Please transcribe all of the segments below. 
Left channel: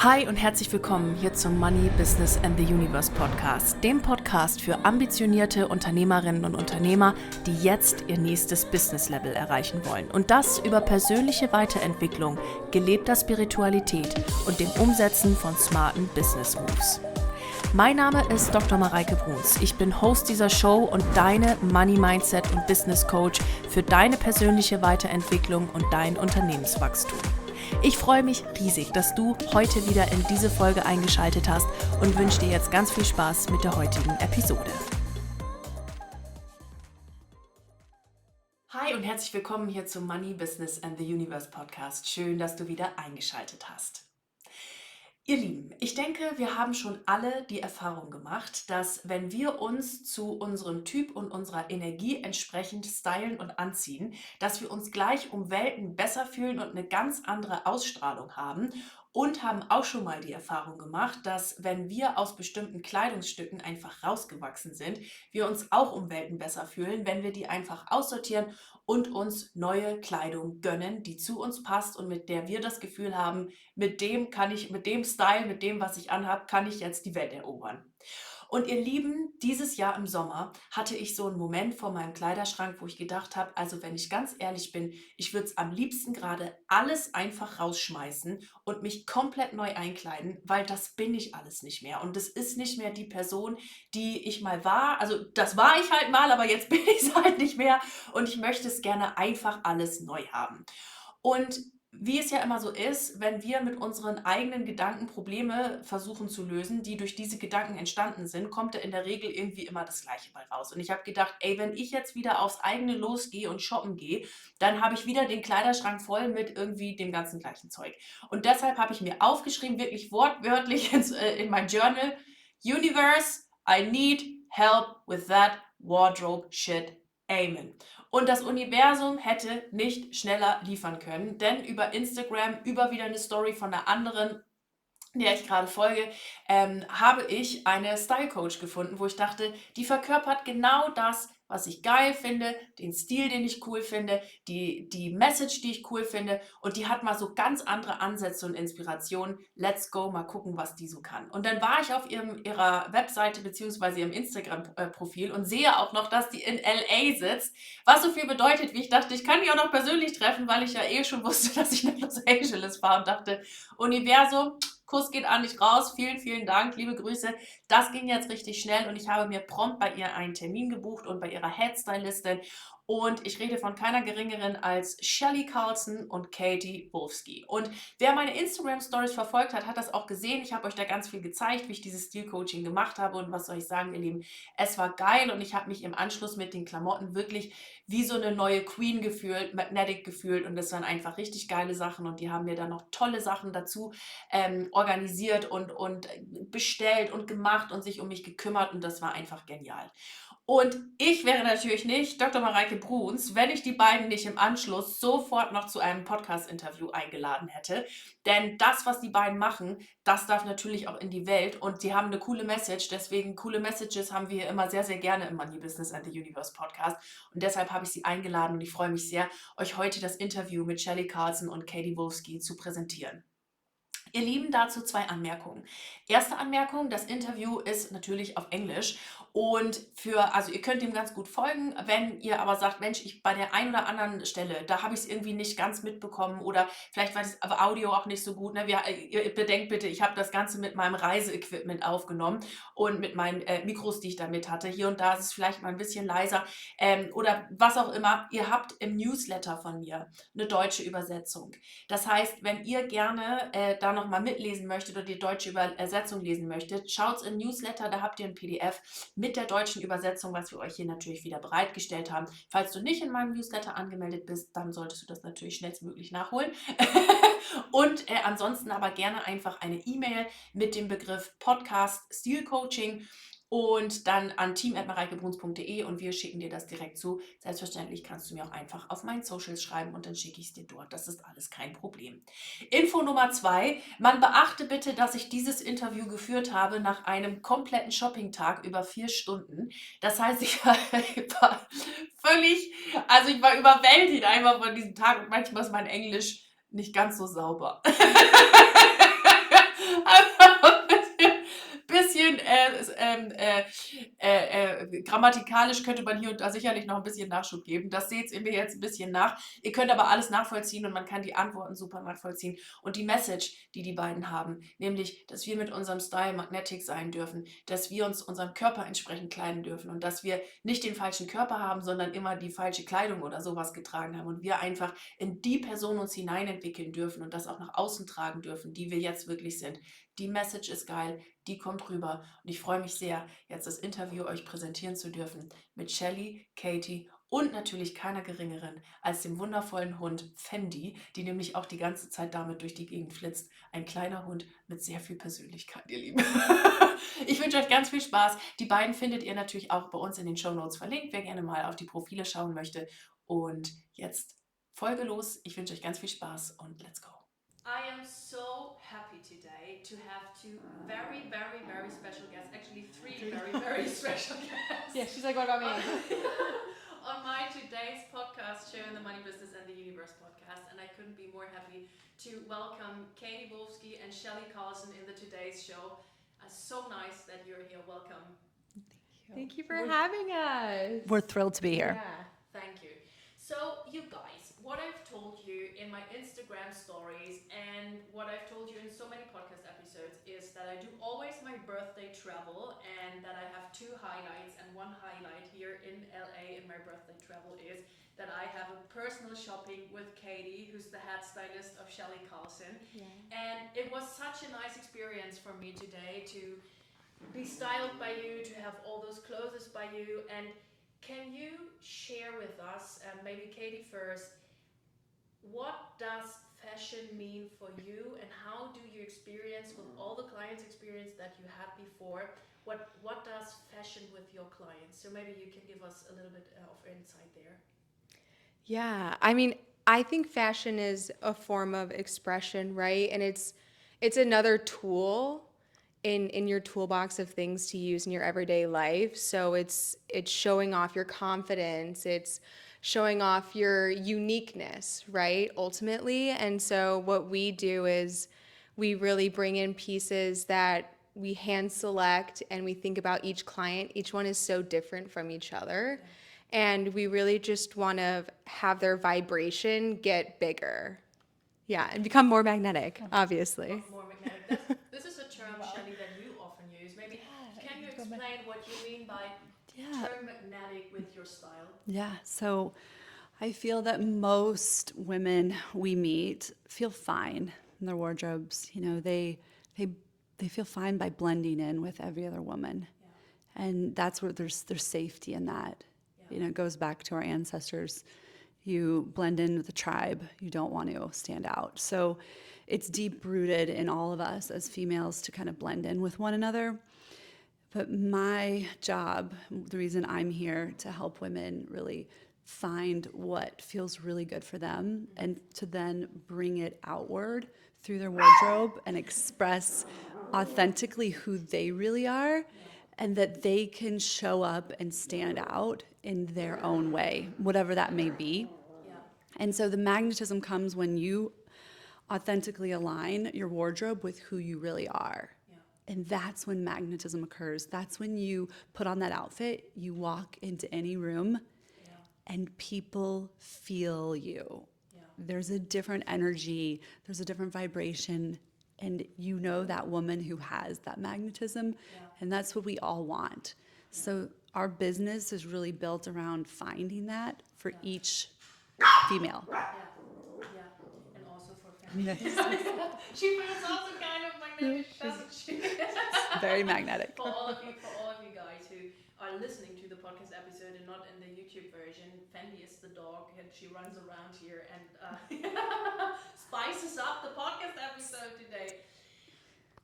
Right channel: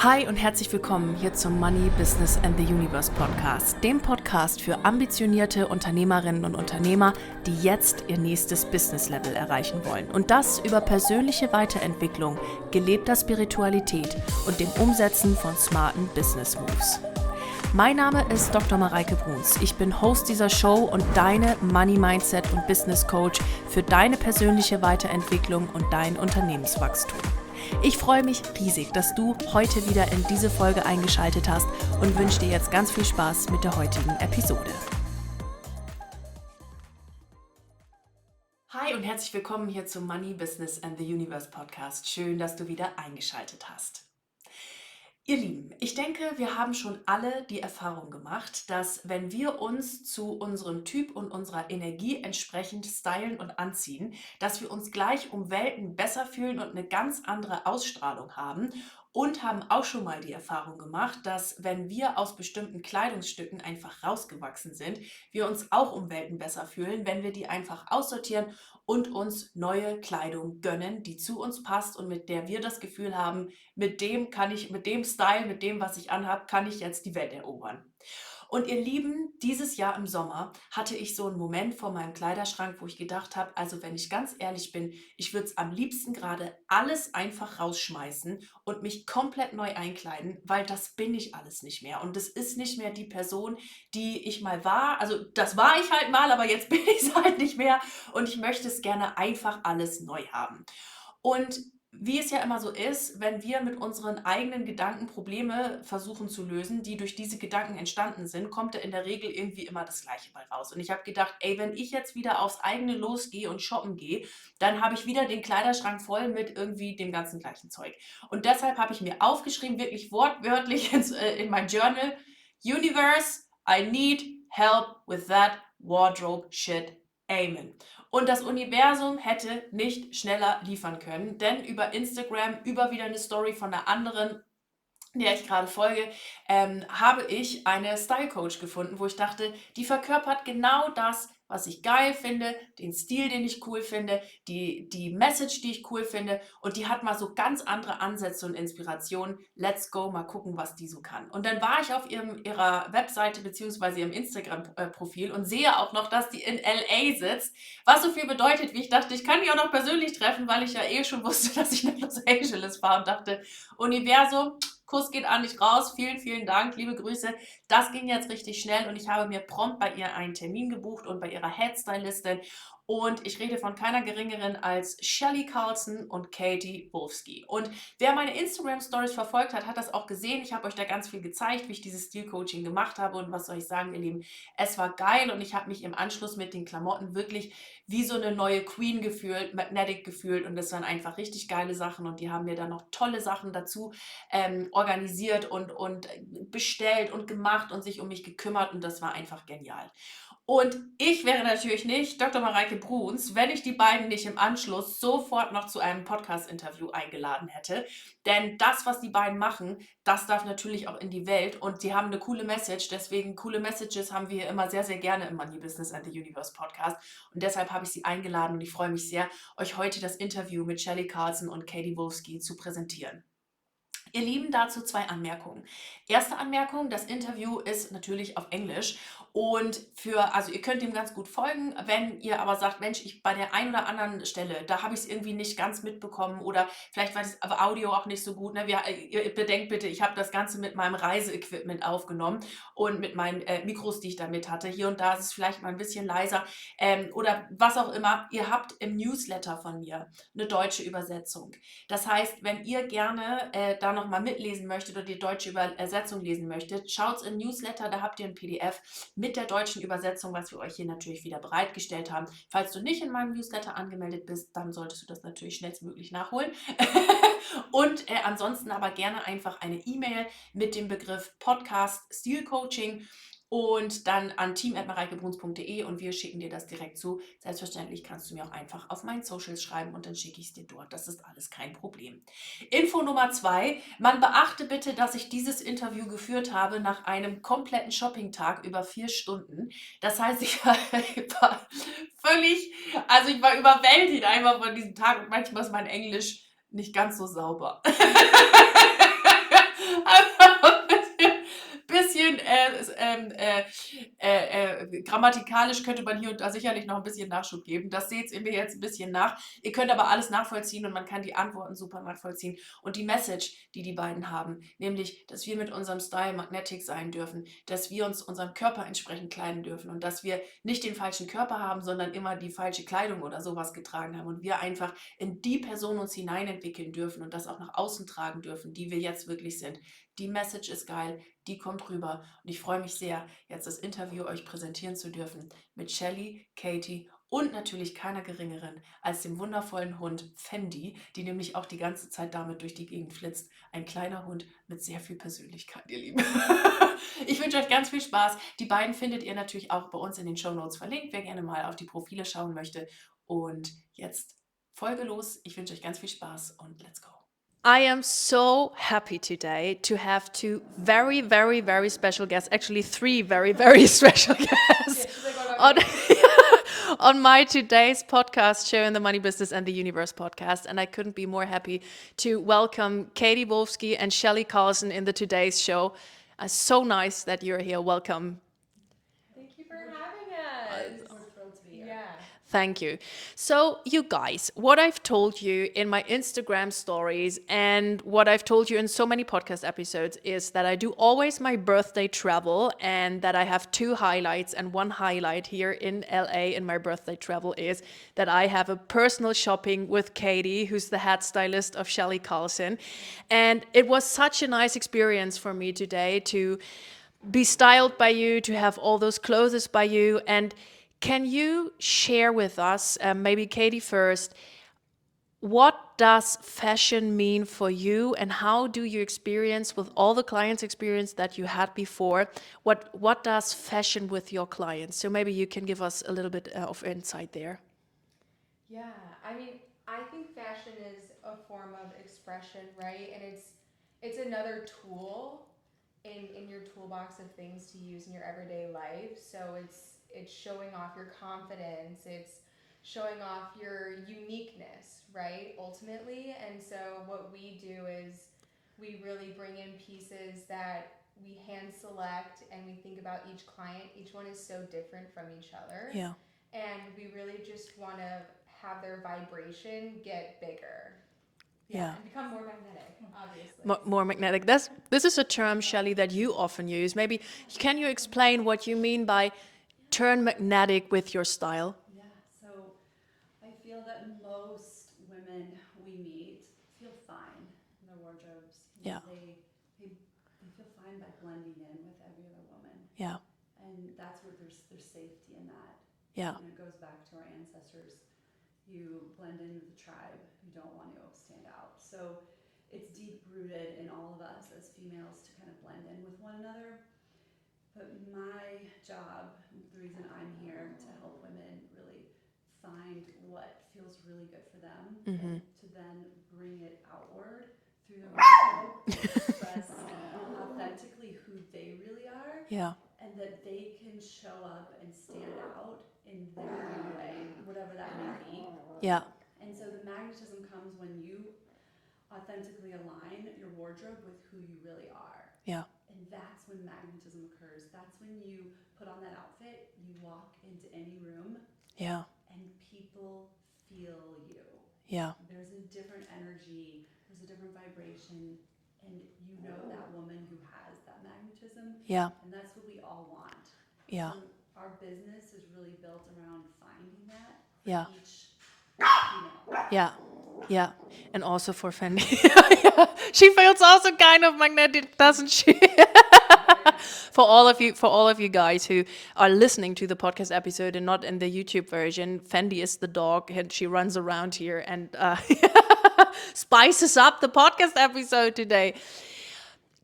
Hi und herzlich willkommen hier zum Money, Business and the Universe Podcast, dem Podcast für ambitionierte Unternehmerinnen und Unternehmer, die jetzt ihr nächstes Business-Level erreichen wollen. Und das über persönliche Weiterentwicklung, gelebter Spiritualität und dem Umsetzen von smarten Business-Moves. Mein Name ist Dr. Mareike Bruns. Ich bin Host dieser Show und deine Money Mindset und Business Coach für deine persönliche Weiterentwicklung und dein Unternehmenswachstum. Ich freue mich riesig, dass du heute wieder in diese Folge eingeschaltet hast und wünsche dir jetzt ganz viel Spaß mit der heutigen Episode. Hi und herzlich willkommen hier zum Money, Business and the Universe Podcast. Schön, dass du wieder eingeschaltet hast. Ihr Lieben, ich denke, wir haben schon alle die Erfahrung gemacht, dass wenn wir uns zu unserem Typ und unserer Energie entsprechend stylen und anziehen, dass wir uns gleich um Welten besser fühlen und eine ganz andere Ausstrahlung haben und haben auch schon mal die Erfahrung gemacht, dass wenn wir aus bestimmten Kleidungsstücken einfach rausgewachsen sind, wir uns auch um Welten besser fühlen, wenn wir die einfach aussortieren und uns neue Kleidung gönnen, die zu uns passt und mit der wir das Gefühl haben, mit dem Style, mit dem, was ich anhabe, kann ich jetzt die Welt erobern. Und ihr Lieben, dieses Jahr im Sommer hatte ich so einen Moment vor meinem Kleiderschrank, wo ich gedacht habe, also wenn ich ganz ehrlich bin, ich würde es am liebsten gerade alles einfach rausschmeißen und mich komplett neu einkleiden, weil das bin ich alles nicht mehr. Und das ist nicht mehr die Person, die ich mal war. Also das war ich halt mal, aber jetzt bin ich es halt nicht mehr. Und ich möchte es gerne einfach alles neu haben. Und wie es ja immer so ist, wenn wir mit unseren eigenen Gedanken Probleme versuchen zu lösen, die durch diese Gedanken entstanden sind, kommt da in der Regel irgendwie immer das Gleiche bei raus. Und ich habe gedacht, ey, wenn ich jetzt wieder aufs eigene losgehe und shoppen gehe, dann habe ich wieder den Kleiderschrank voll mit irgendwie dem ganzen gleichen Zeug. Und deshalb habe ich mir aufgeschrieben, wirklich wortwörtlich in mein Journal, Universe, I need help with that wardrobe shit. Amen. Und das Universum hätte nicht schneller liefern können, denn über Instagram, über wieder eine Story von einer anderen, der ich gerade folge, habe ich eine Style Coach gefunden, wo ich dachte, die verkörpert genau das, was ich geil finde, den Stil, den ich cool finde, die Message, die ich cool finde, und die hat mal so ganz andere Ansätze und Inspirationen. Let's go, mal gucken, was die so kann. Und dann war ich auf ihrer Webseite bzw. ihrem Instagram-Profil und sehe auch noch, dass die in LA sitzt, was so viel bedeutet, wie ich dachte, ich kann die auch noch persönlich treffen, weil ich ja eh schon wusste, dass ich nach Los Angeles fahre und dachte, Universum, Kuss geht an dich raus, vielen, vielen Dank, liebe Grüße. Das ging jetzt richtig schnell und ich habe mir prompt bei ihr einen Termin gebucht und bei ihrer Headstylistin. Und ich rede von keiner geringeren als Chellie, Carlson und Wolski. Und wer meine Instagram-Stories verfolgt hat, hat das auch gesehen. Ich habe euch da ganz viel gezeigt, wie ich dieses Stil-Coaching gemacht habe. Und was soll ich sagen, ihr Lieben, es war geil und ich habe mich im Anschluss mit den Klamotten wirklich wie so eine neue Queen gefühlt, magnetic gefühlt. Und das waren einfach richtig geile Sachen und die haben mir dann noch tolle Sachen dazu organisiert und bestellt und gemacht und sich um mich gekümmert und das war einfach genial. Und ich wäre natürlich nicht Dr. Mareike Bruns, wenn ich die beiden nicht im Anschluss sofort noch zu einem Podcast-Interview eingeladen hätte. Denn das, was die beiden machen, das darf natürlich auch in die Welt und sie haben eine coole Message. Deswegen coole Messages haben wir immer sehr, sehr gerne im Money Business and the Universe Podcast. Und deshalb habe ich sie eingeladen und ich freue mich sehr, euch heute das Interview mit Chellie, Carlson und Wolski zu präsentieren. Ihr Lieben, dazu 2 Anmerkungen. Erste Anmerkung, das Interview ist natürlich auf Englisch und also ihr könnt dem ganz gut folgen, wenn ihr aber sagt, Mensch, ich bei der einen oder anderen Stelle, da habe ich es irgendwie nicht ganz mitbekommen oder vielleicht war das Audio auch nicht so gut. Ne? Ihr bedenkt bitte, ich habe das Ganze mit meinem Reiseequipment aufgenommen und mit meinen Mikros, die ich da mit hatte. Hier und da ist es vielleicht mal ein bisschen leiser oder was auch immer. Ihr habt im Newsletter von mir eine deutsche Übersetzung. Das heißt, wenn ihr gerne da nochmal mitlesen möchtet oder die deutsche Übersetzung lesen möchtet, schaut in Newsletter, da habt ihr ein PDF mit der deutschen Übersetzung, was wir euch hier natürlich wieder bereitgestellt haben. Falls du nicht in meinem Newsletter angemeldet bist, dann solltest du das natürlich schnellstmöglich nachholen. Und ansonsten aber gerne einfach eine E-Mail mit dem Begriff Podcast Stil Coaching und dann an team@mareikebruns.de und wir schicken dir das direkt zu. Selbstverständlich kannst du mir auch einfach auf meinen Socials schreiben und dann schicke ich es dir dort. Das ist alles kein Problem. Info Nummer 2. Man beachte bitte, dass ich dieses Interview geführt habe nach einem kompletten Shopping-Tag über 4 Stunden. Das heißt, ich war ich war überwältigt einfach von diesem Tag und manchmal ist mein Englisch nicht ganz so sauber. Grammatikalisch könnte man hier und da sicherlich noch ein bisschen Nachschub geben. Das seht ihr mir jetzt ein bisschen nach. Ihr könnt aber alles nachvollziehen und man kann die Antworten super nachvollziehen. Und die Message, die beiden haben, nämlich, dass wir mit unserem Style magnetic sein dürfen, dass wir uns unserem Körper entsprechend kleiden dürfen und dass wir nicht den falschen Körper haben, sondern immer die falsche Kleidung oder sowas getragen haben und wir einfach in die Person uns hineinentwickeln dürfen und das auch nach außen tragen dürfen, die wir jetzt wirklich sind. Die Message ist geil, die kommt rüber und ich freue mich sehr, jetzt das Interview euch präsentieren zu dürfen mit Chellie, Katie und natürlich keiner geringeren als dem wundervollen Hund Fendi, die nämlich auch die ganze Zeit damit durch die Gegend flitzt. Ein kleiner Hund mit sehr viel Persönlichkeit, ihr Lieben. Ich wünsche euch ganz viel Spaß. Die beiden findet ihr natürlich auch bei uns in den Shownotes verlinkt, wer gerne mal auf die Profile schauen möchte. Und jetzt Folge los. Ich wünsche euch ganz viel Spaß und let's go. I am so happy today to have two very, very, very special guests. Actually, three very, very special guests on my today's podcast show in the Money Business and the Universe podcast. And I couldn't be more happy to welcome Katie Wolski and Chellie Carlson in the today's show. So nice that you're here. Welcome. Thank you for having us. We're thrilled to be here. Yeah. Thank you. So, you guys, what I've told you in my Instagram stories and what I've told you in so many podcast episodes is that I do always my birthday travel and that I have two highlights. And one highlight here in LA in my birthday travel is that I have a personal shopping with Katie, who's the head stylist of Chellie Carlson. And it was such a nice experience for me today to be styled by you, to have all those clothes by you. And can you share with us, maybe Katie first, what does fashion mean for you and how do you experience with all the clients experience that you had before, what does fashion with your clients? So maybe you can give us a little bit of insight there. Yeah, I mean, I think fashion is a form of expression, right? And it's another tool in your toolbox of things to use in your everyday life. So it's showing off your confidence, it's showing off your uniqueness, right? Ultimately. And so what we do is we really bring in pieces that we hand select and we think about each client. Each one is so different from each other. Yeah. And we really just want to have their vibration get bigger. Yeah, and become more magnetic, obviously. More magnetic. This is a term, Chellie, that you often use. Maybe can you explain what you mean by turn magnetic with your style? Yeah, so I feel that most women we meet feel fine in their wardrobes. You know, they feel fine by blending in with every other woman. Yeah. And that's where there's safety in that. Yeah. You know, it goes back to our ancestors. You blend in with the tribe. You don't want to stand out. So it's deep rooted in all of us as females to kind of blend in with one another. But my job, the reason I'm here to help women really find what feels really good for them and to then bring it outward through their wardrobe and express authentically who they really are. Yeah. And that they can show up and stand out in their own way, whatever that may be. Yeah. And so the magnetism comes when you authentically align your wardrobe with who you really are. Yeah. And that's when magnetism occurs. That's when you put on that outfit, you walk into any room, Yeah. and people feel you. Yeah. There's a different energy, there's a different vibration, and you know that woman who has that magnetism. Yeah. And that's what we all want. Yeah. So our business is really built around finding that for each female. Yeah. Yeah. And also for Fendi. She feels also kind of magnetic, doesn't she? Very magnetic. For all of you guys who are listening to the podcast episode and not in the YouTube version, Fendi is the dog and she runs around here and spices up the podcast episode today.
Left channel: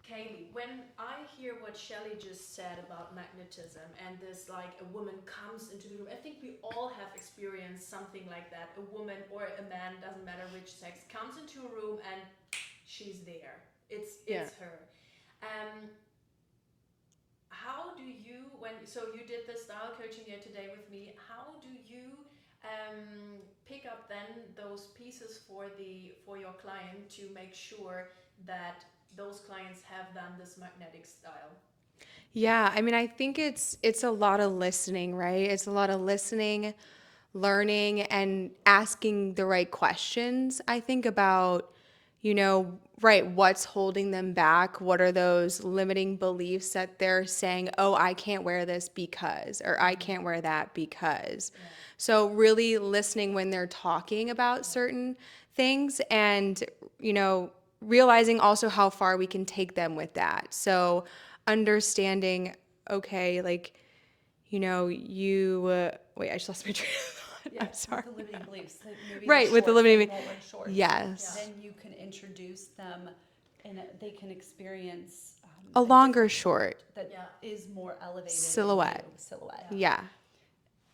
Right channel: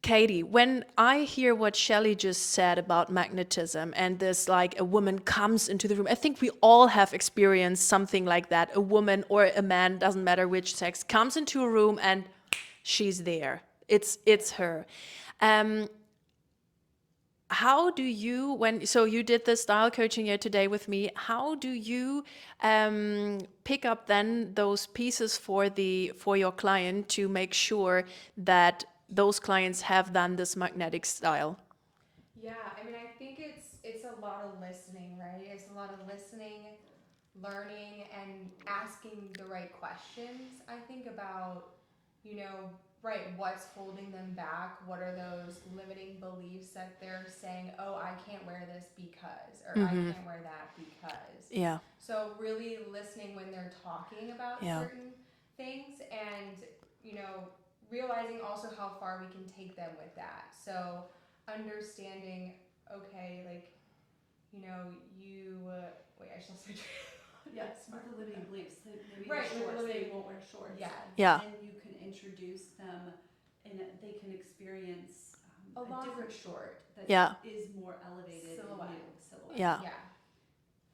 Katie, when I hear what Chellie just said about magnetism and this, like a woman comes into the room, I think we all have experienced something like that. A woman or a man, doesn't matter which sex, comes into a room and she's there. It's her. How do you, so you did the style coaching here today with me, how do you pick up then those pieces for your client to make sure that those clients have done this magnetic style? Yeah, I mean, I think it's a lot of listening, right? It's a lot of listening, learning, and asking the right questions. I think about, right, what's holding them back? What are those limiting beliefs that they're saying, "Oh, I can't wear this because," or "I can't wear that because." Yeah. So really listening when they're talking about Yeah. certain things and, realizing also how far we can take them with that. So understanding, okay, like, wait, I just lost my train of thought. I'm sorry. The limiting beliefs. So maybe Right, with the limiting, won't wear shorts. yes. Yeah. Then you can introduce them, and they can experience A a longer different short. that Yeah. is more elevated Silhouette. into silhouette. Yeah. Yeah.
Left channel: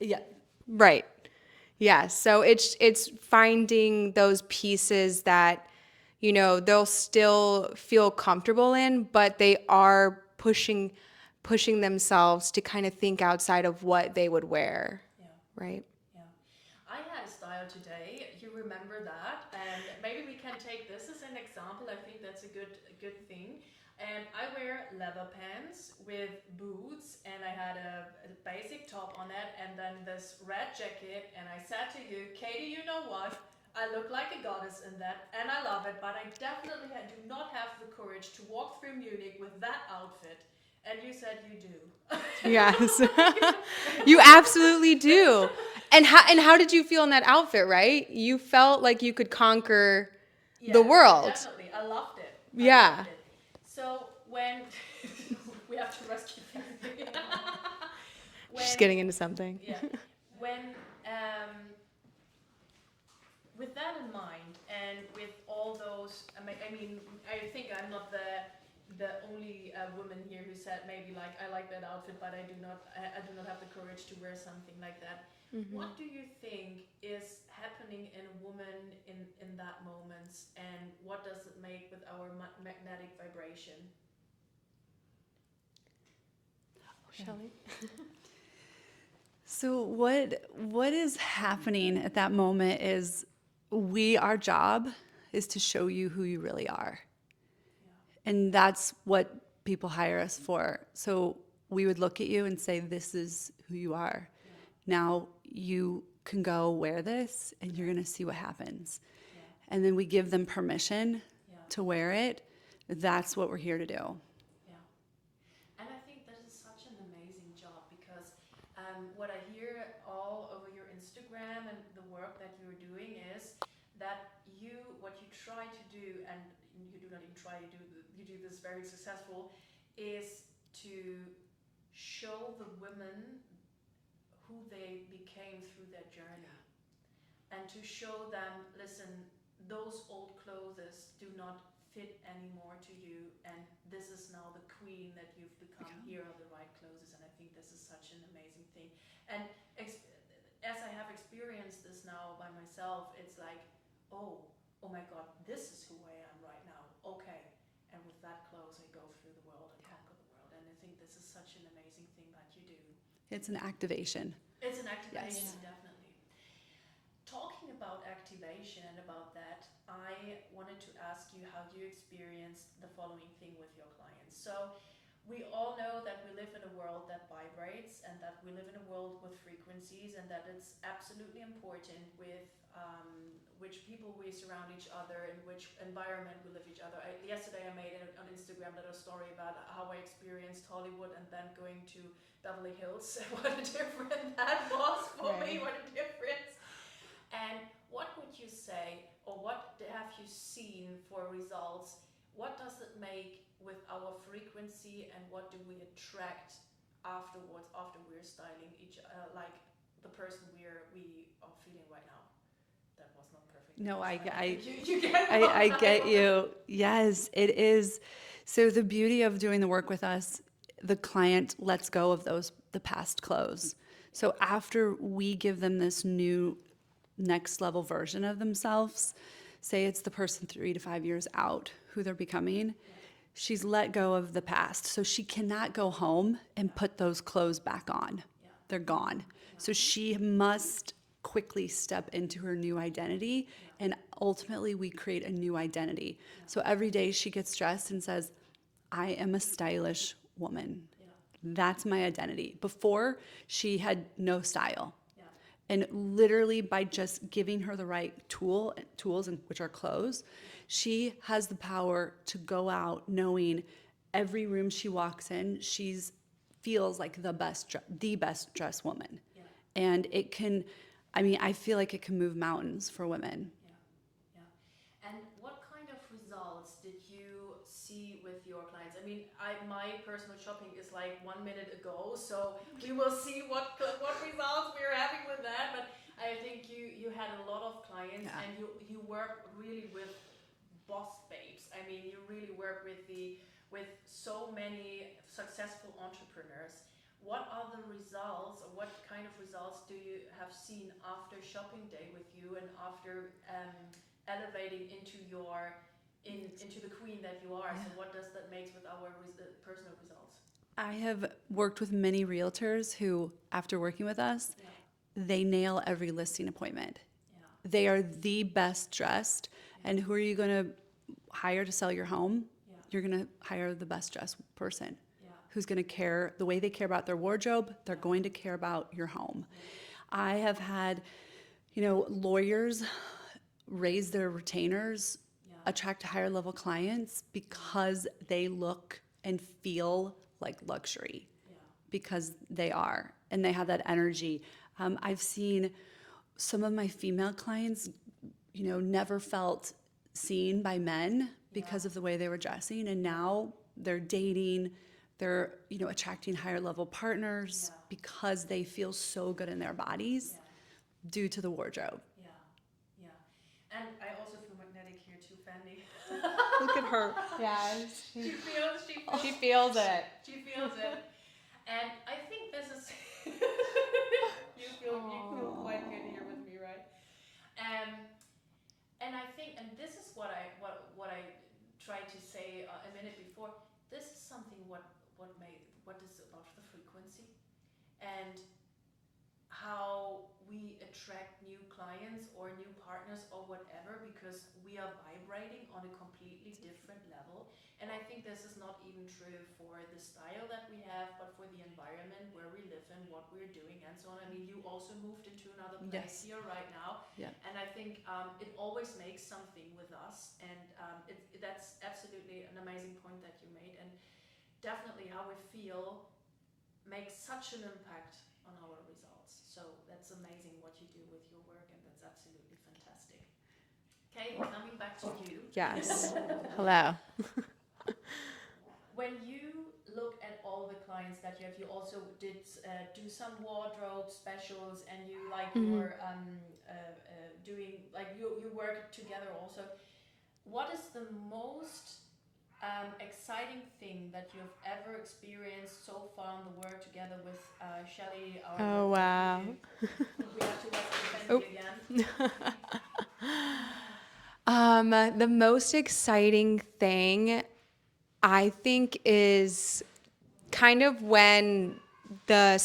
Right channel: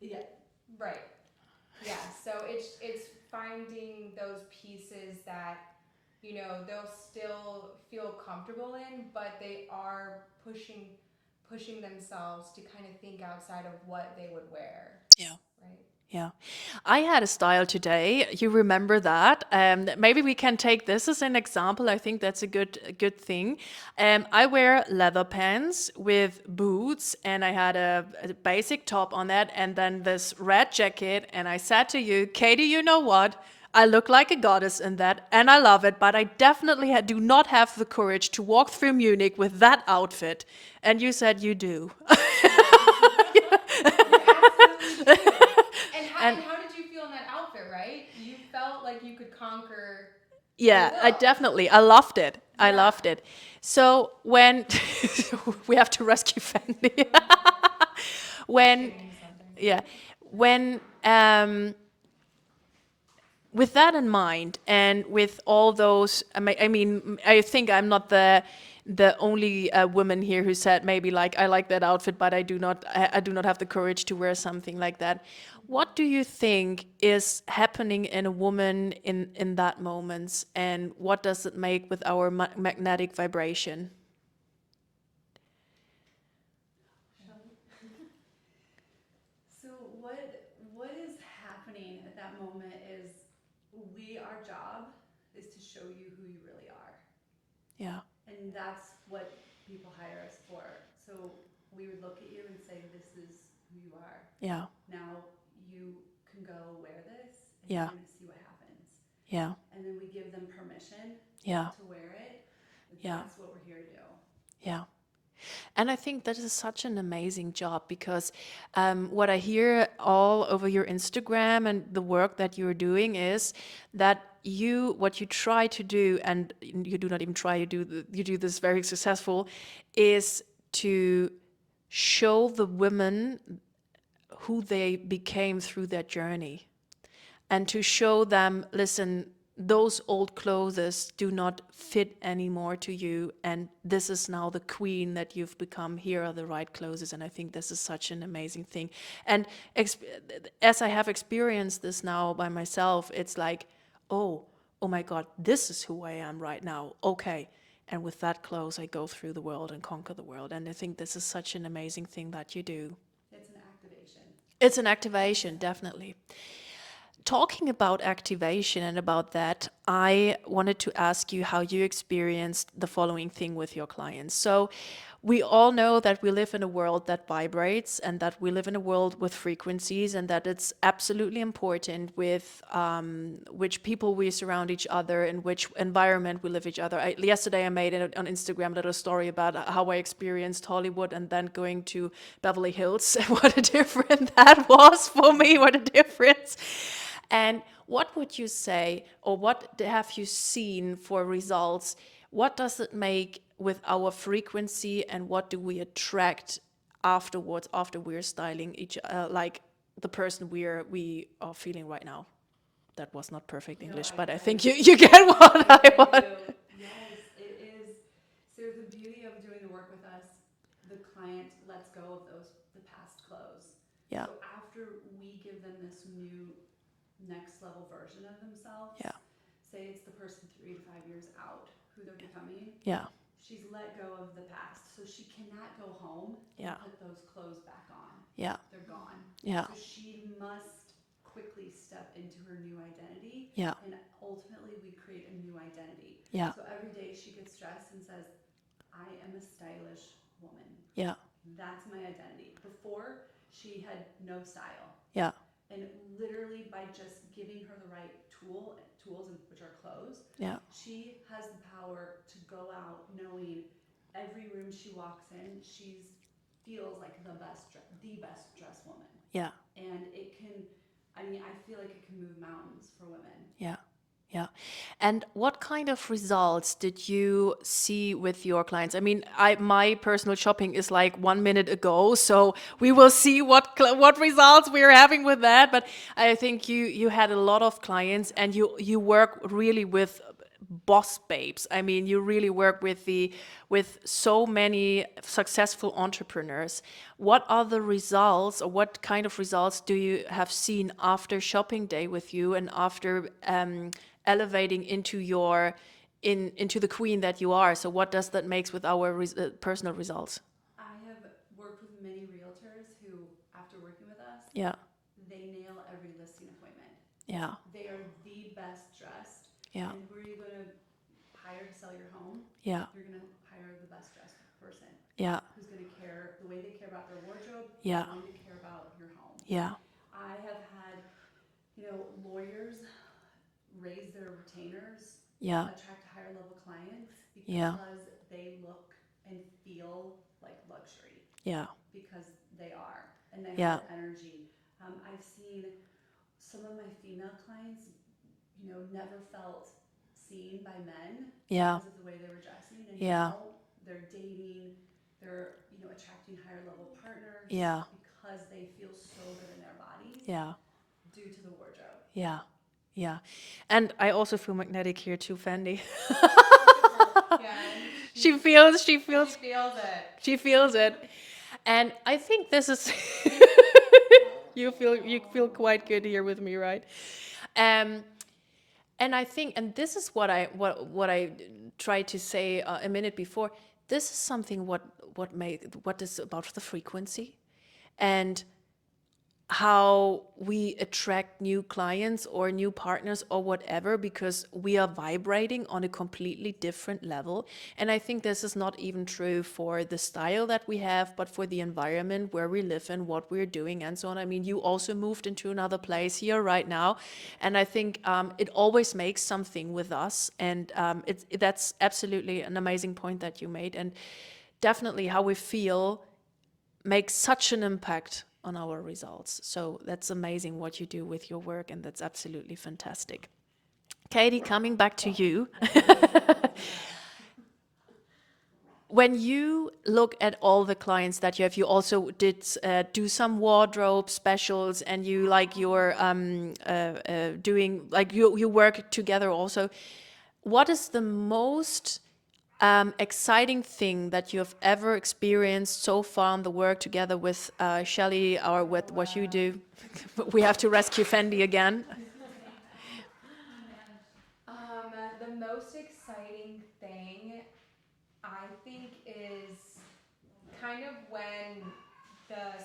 Yeah. Right. Yeah. So it's finding those pieces that, they'll still feel comfortable in, but they are pushing themselves to kind of think outside of what they would wear. Yeah. Right. Yeah. I had a style today. You remember that? Maybe we can take this as an example. I think that's a good thing. I wear leather pants with boots, and I had a basic top on that, and then this red jacket. And I said to you, Katie, you know what? I look like a goddess in that, and I love it, but I definitely do not have the courage to walk through Munich with that outfit. And you said you do. Yes. You absolutely do. And how did you feel in that outfit, right? You felt like you could conquer Yeah, the world. I loved it. I Yeah. loved it. So when we have to rescue Fendi. Just getting into something. Yeah, when with that in mind, and with all those, I mean, I think I'm not the only woman here who said maybe like I like that outfit, but I do not have the courage to wear something like that. What do you think is happening in a woman in that moments, and what does it make with our magnetic vibration? Chellie? So what is happening at that moment is our job is to show you who you really are. Yeah, And that's what people hire us for. So we would look at you and say, this is who you are. yeah, Now you can go wear this and Yeah. you're going to see what happens. yeah, And then we give them permission Yeah. to wear it. That's what we're here to do. yeah. And I think that is such an amazing job, because what I hear all over your Instagram and the work that you're doing is that what you try to do, and you do not even try, you do this very successful, is to show the women who they became through their journey, and to show them, listen, those old clothes do not fit anymore to you, and this is now the queen that you've become. Here are the right clothes. And I think this is such an amazing thing. And as I have experienced this now by myself, it's like, oh my God, this is who I am right now. Okay. And with that clothes, I go through the world and conquer the world. And I think this is such an amazing thing that you do. It's an activation. It's an activation, definitely. Talking about activation and about that, I wanted to ask you how you experienced the following thing with your clients. So we all know that we live in a world that vibrates, and that we live in a world with frequencies, and that it's absolutely important with which people we surround each other, in which environment we live each other. Yesterday I made on Instagram a little story about how I experienced Hollywood and then going to Beverly Hills. What a difference that was for me, what a difference. And what would you say, or what have you seen for results? What does it make with our frequency, and what do we attract afterwards, after we're styling like the person we are feeling right now? That was not perfect English, but I think you get what I get you. Yes, it is. So the beauty of doing the work with us, the client lets go of the past clothes. Yeah. So after we give them this new next level version of themselves, say it's the person 3 to 5 years out who they're becoming. Yeah. She's let go of the past. So she cannot go home and put those clothes back on. Yeah. They're gone. Yeah. So she must quickly step into her new identity. Yeah. And ultimately we create a new identity. Yeah. So every day she gets dressed and says, I am a stylish woman. Yeah. That's my identity. Before, she had no style. Yeah. And literally by just giving her the right tools, and which are clothes, Yeah. she has the power to go out knowing every room she walks in, she's feels like the best dressed woman. Yeah. And it can, I mean, I feel like it can move mountains for women. Yeah. Yeah. And what kind of results did you see with your clients? I mean, my personal shopping is like 1 minute ago, so we will see what results we are having with that. But I think you had a lot of clients, and you work really with boss babes. I mean, you really work with so many successful entrepreneurs. What are the results, or what kind of results do you have seen after shopping day with you, and after elevating into into the queen that you are? So what does that make with our personal results? I have worked with many realtors who, after working with us, Yeah. they nail every listing appointment. Yeah. They are the best dressed. Yeah. And who are you going to hire to sell your home? Yeah. You're going to hire the best dressed person. Yeah. Who's going to care the way they care about their wardrobe, they're Yeah. going to care about your home. Yeah. I have had, lawyers raise their retainers, Yeah. attract higher level clients because they look and feel like luxury. Yeah. Because they are, and they have Yeah. that energy. I've seen some of my female clients, never felt seen by men Yeah. because of the way they were dressing, and Yeah. now they're dating, they're attracting higher level partners Yeah. because they feel so good in their bodies Yeah. due to the wardrobe. Yeah. Yeah. And I also feel magnetic here too, Fendi. Look at her. Yeah. She feels She feels it. she feels it. And I think this is you feel quite good here with me, right? And I think, and this is what I tried to say a minute before. This is something what is about the frequency, and how we attract new clients or new partners or whatever, because we are vibrating on a completely different level. And I think this is not even true for the style that we have, but for the environment where we live in, what we're doing, and so on. I mean, you also moved into another place here right now. And I think it always makes something with us. And that's absolutely an amazing point that you made. And definitely how we feel makes such an impact on our results. So that's amazing what you do with your work, and that's absolutely fantastic. Katie, coming back to you. Yes. Hello. When you look at all the clients that you have, you also did do some wardrobe specials, and you you're doing, you work together also. What is the most exciting thing that you have ever experienced so far on the work together with Chellie, or with what you do? We have to rescue Fendi again. The most exciting thing, I think, is kind of when the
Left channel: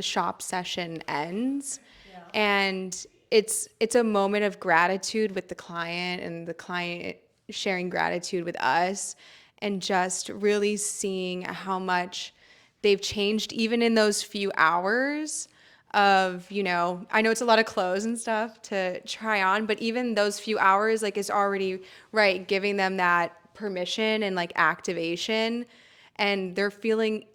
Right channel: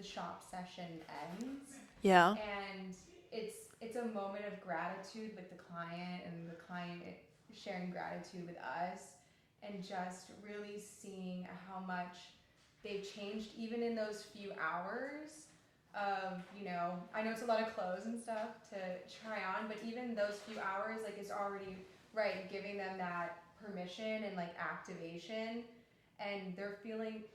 shop session ends. Yeah. And it's a moment of gratitude with the client, and the client sharing gratitude with us, and just really seeing how much they've changed even in those few hours of, I know it's a lot of clothes and stuff to try on, but even those few hours is already right, giving them that permission and activation, and they're feeling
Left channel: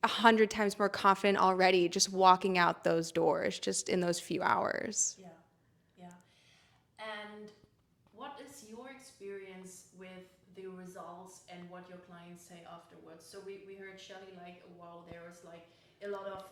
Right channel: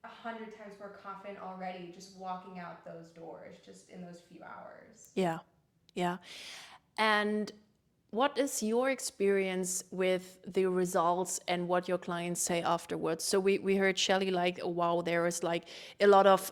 100 times more confident already just walking out those doors just in those few hours. Yeah. Yeah. And what is your experience with the results and what your clients say afterwards? So we heard Chellie wow, there is a lot of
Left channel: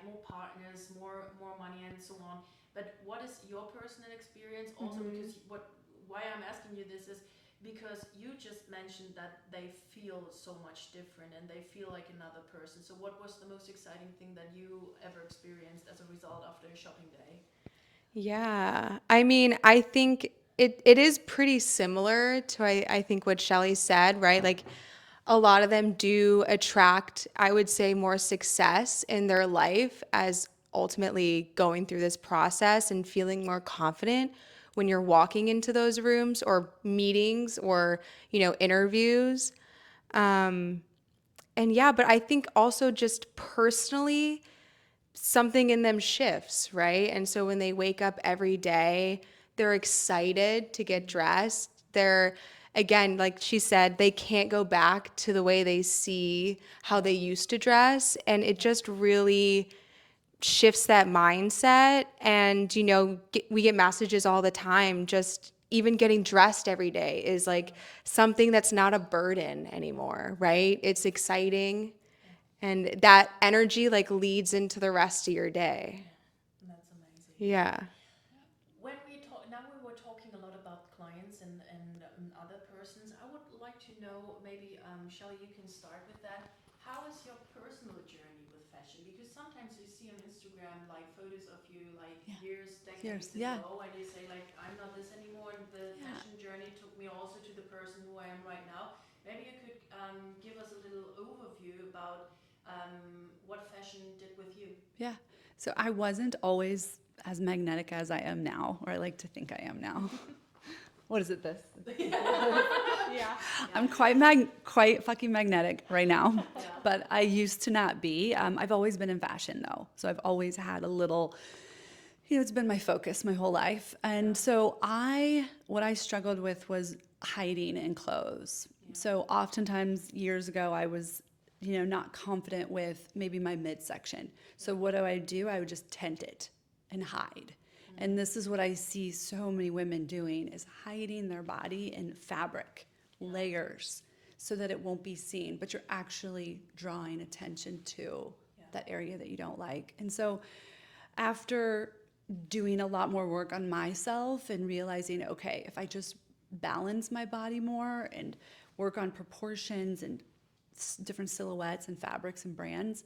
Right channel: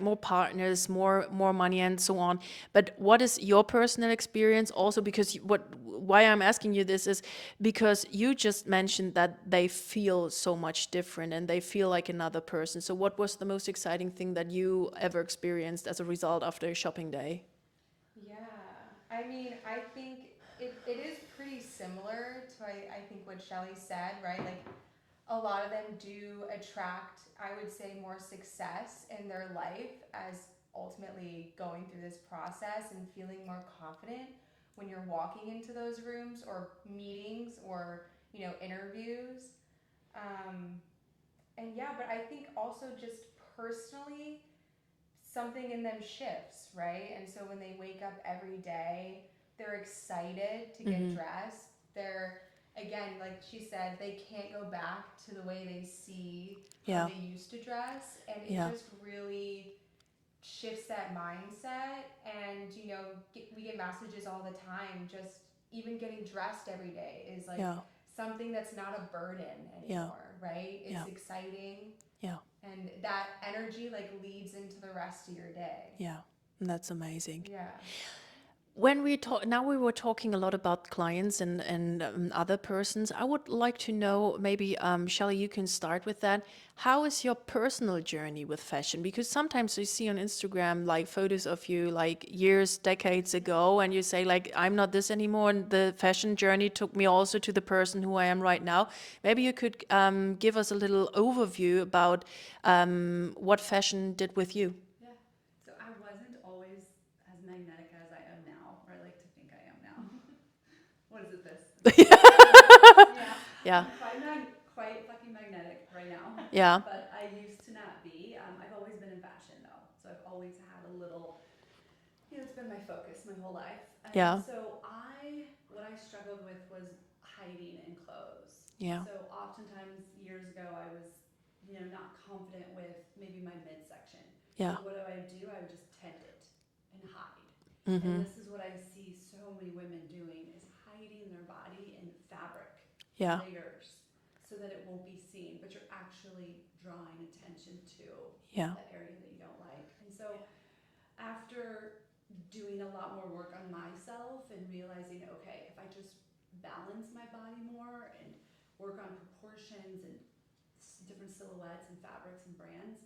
more partners, more money, and so on. But what is your personal experience also? Because why I'm asking you this is because you just mentioned that they feel so much different and they feel like another person. So what was the most exciting thing that you ever experienced as a result after a shopping day? Yeah, I mean, I think it is pretty similar to I think what Chellie said, right? A lot of them do attract, I would say, more success in their life as ultimately going through this process and feeling more confident when you're walking into those rooms or meetings or interviews. And yeah, but I think also just personally, something in them shifts, right? And so when they wake up every day, they're excited to get dressed. They're, again, like she said, they can't go back to the way they see how Yeah. they used to dress. And it Yeah. just really shifts that mindset. And, we get messages all the time. Just even getting dressed every day is like Yeah. something that's not a burden anymore, right? It's Yeah. exciting. Yeah. And that energy like leads into the rest of your day. Yeah. And that's amazing. Yeah. When we talk now, we were talking a lot about clients and other persons. I would like to know, maybe Chellie, you can start with that. How is your personal journey with fashion? Because sometimes you see on Instagram like photos of you like years, decades yeah. ago, and you say like, I'm not this anymore, and the fashion journey took me also to the person who I am right now. Maybe you could give us a little overview about what fashion did with you. Yeah. So I wasn't always as magnetic as I am now, or I like to think I am now. What is it, this? Yeah. I'm quite fucking magnetic right now. Yeah. But I used to not be. I've always been in fashion though. So I've always had a little, it's been my focus my whole life. And Yeah. so what I struggled with was hiding in clothes. Yeah. So oftentimes years ago, I was, not confident with maybe my midsection. So Yeah. what do? I would just tent it and hide. And this is what I see so many women doing, is hiding their body in fabric, Yeah. layers, so that it won't be seen, but you're actually drawing attention to Yeah. that area that you don't like. And so after doing a lot more work on myself and realizing, okay, if I just balance my body more and work on proportions and different silhouettes and fabrics and brands,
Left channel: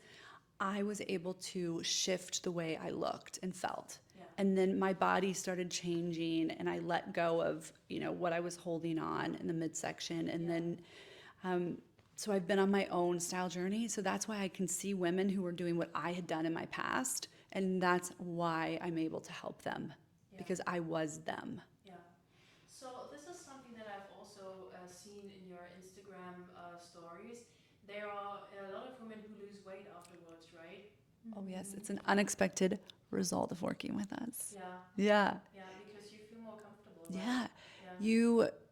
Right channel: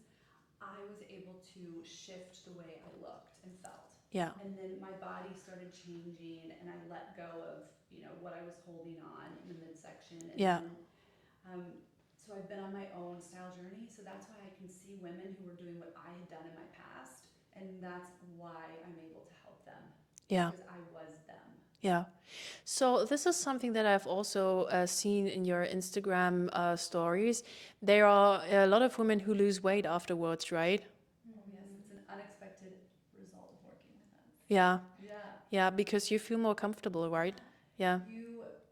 I was able to shift the way I looked and felt. Yeah. And then my body started changing, and I let go of, what I was holding on in the midsection. And Yeah. then, so I've been on my own style journey. So that's why I can see women who were doing what I had done in my past. And that's why I'm able to help them. Yeah. Because I was them. Yeah. So this is something that I've also seen in your Instagram stories. There are a lot of women who lose weight afterwards, right? Oh, yes. It's an unexpected result of working with us. Yeah. Yeah. Yeah, because you feel more comfortable, right? Yeah.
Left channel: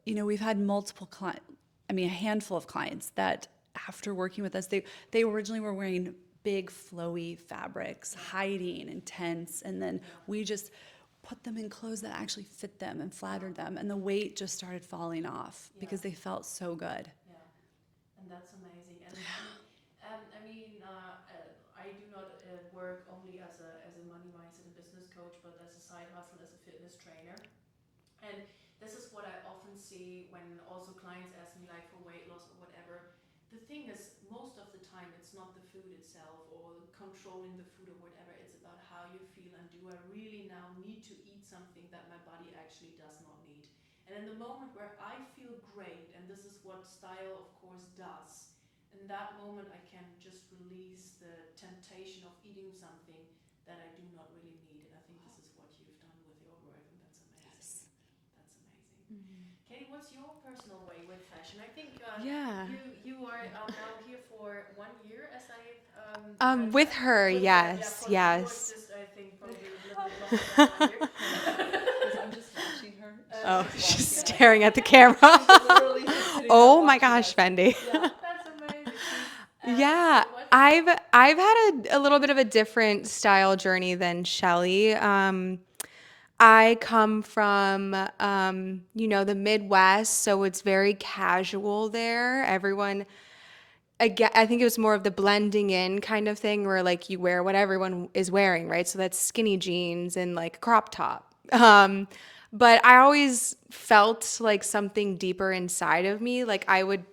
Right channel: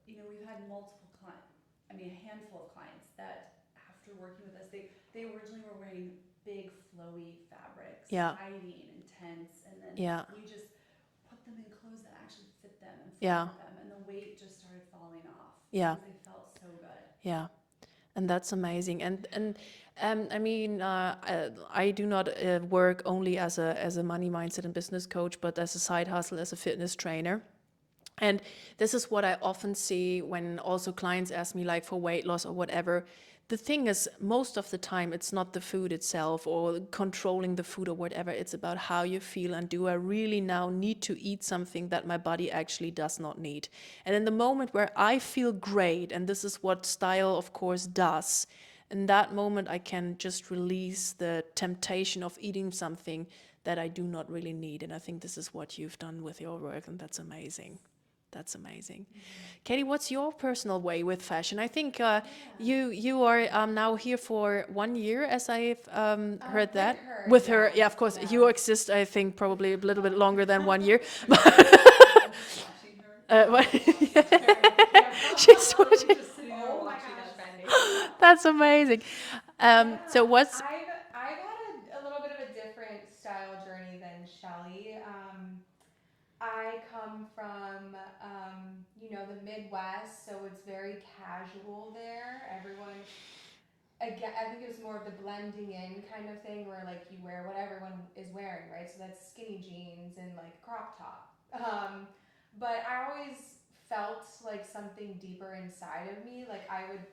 Yeah. We've had multiple clients, a handful of clients that after working with us, they originally were wearing big flowy fabrics, Yeah. hiding and tense. And then Yeah. we just put them in clothes that actually fit them and Yeah. flattered them. And the weight just started falling off Yeah. because they felt so good. Yeah, and that's amazing. And I do not work only as a money mindset and business coach, but as a side hustle, as a fitness trainer. And this is what I often see when also clients ask me like for weight loss or whatever. The thing is, most of the time, it's not the food itself or controlling the food or whatever. It's about how you feel, and do I really now need to eat something that my body actually does not need? And in the moment where I feel great, and this is what style, of course, does, in that moment, I can just release the temptation of eating something that I do not really need. And I think this is what you've done with your work, and that's amazing. That's amazing. Katie, what's your personal way with fashion? I think you are now here for 1 year, as I've heard with that. her, With her, yeah, yes, of course. yes. You exist, I think, probably a little bit longer than 1 year. She's staring at the camera. Oh my gosh, Fendi. That's amazing. Yeah, So what's I've had a little bit of a different style journey than Chellie. I come from, the Midwest, so it's very casual there. Everyone, again, I think it was more of the blending in kind of thing, where like you wear what everyone is wearing, right? So that's skinny jeans and like a crop top. But I always felt like something deeper inside of me. Like I would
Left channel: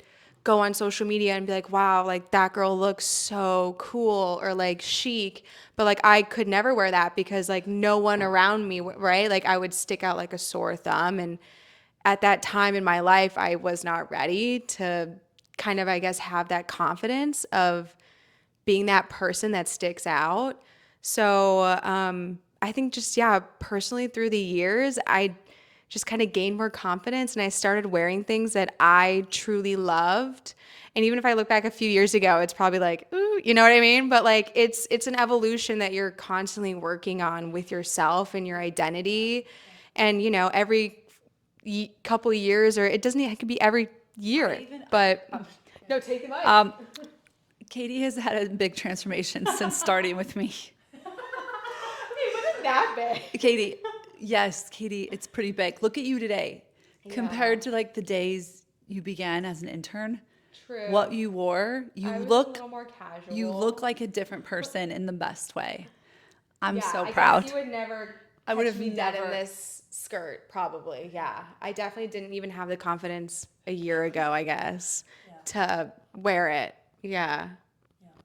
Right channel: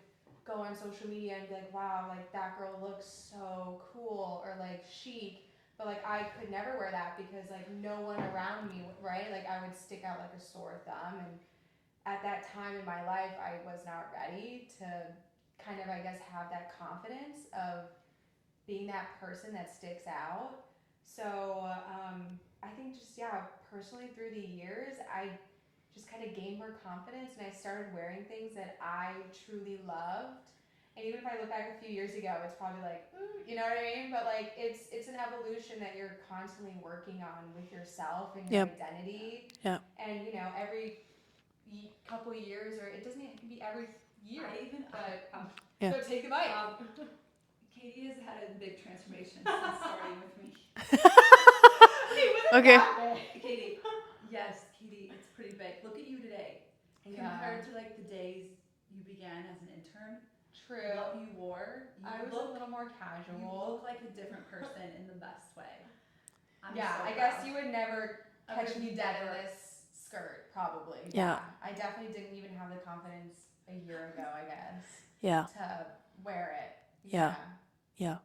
go on social media and be like, wow, like that girl looks so cool or like chic. But like I could never wear that because like no one around me, right? Like I would stick out like a sore thumb. And at that time in my life, I was not ready to kind of, I guess, have that confidence of being that person that sticks out. So I think just, personally through the years, I just kind of gained more confidence and I started wearing things that I truly loved. And even if I look back a few years ago, it's probably like, ooh, you know what I mean? But like it's an evolution that you're constantly working on with yourself and your Yep. identity. Yeah. And you know, every couple of years, or it doesn't, it could be every year. But Yeah. no, take the mic. Katie has had a big transformation since starting with me. Okay. Katie, yes, Katie, it's pretty big. Look at you today. Compared to like the days you began as an intern, True. what you wore, I was a look little more casual. you look like a different person in the best way. I'm Yeah, so I proud. guess you would never I would catch have me dead in never- this skirt, probably. Yeah. Yeah. I definitely didn't even have the confidence a year ago, I guess, Yeah. to wear it. Yeah. Yeah.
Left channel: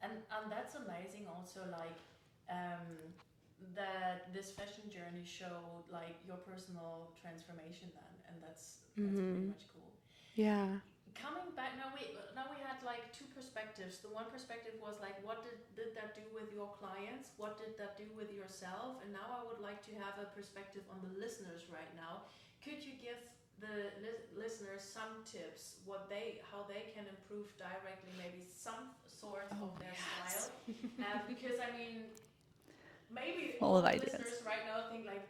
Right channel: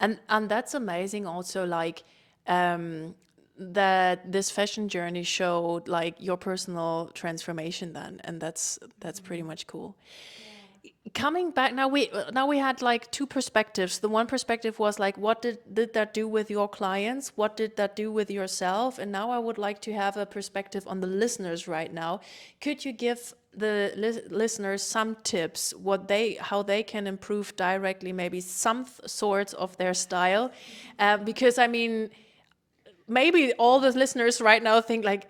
And that's amazing also, like, that this fashion journey showed like your personal transformation then, and that's pretty much cool. Yeah. Coming back now, we had like two perspectives. The one perspective was like, what did that do with your clients? What did that do with yourself? And now I would like to have a perspective on the listeners right now. Could you give the listeners some tips how they can improve directly maybe some sorts of their style? Because I mean, maybe all the listeners right now think like,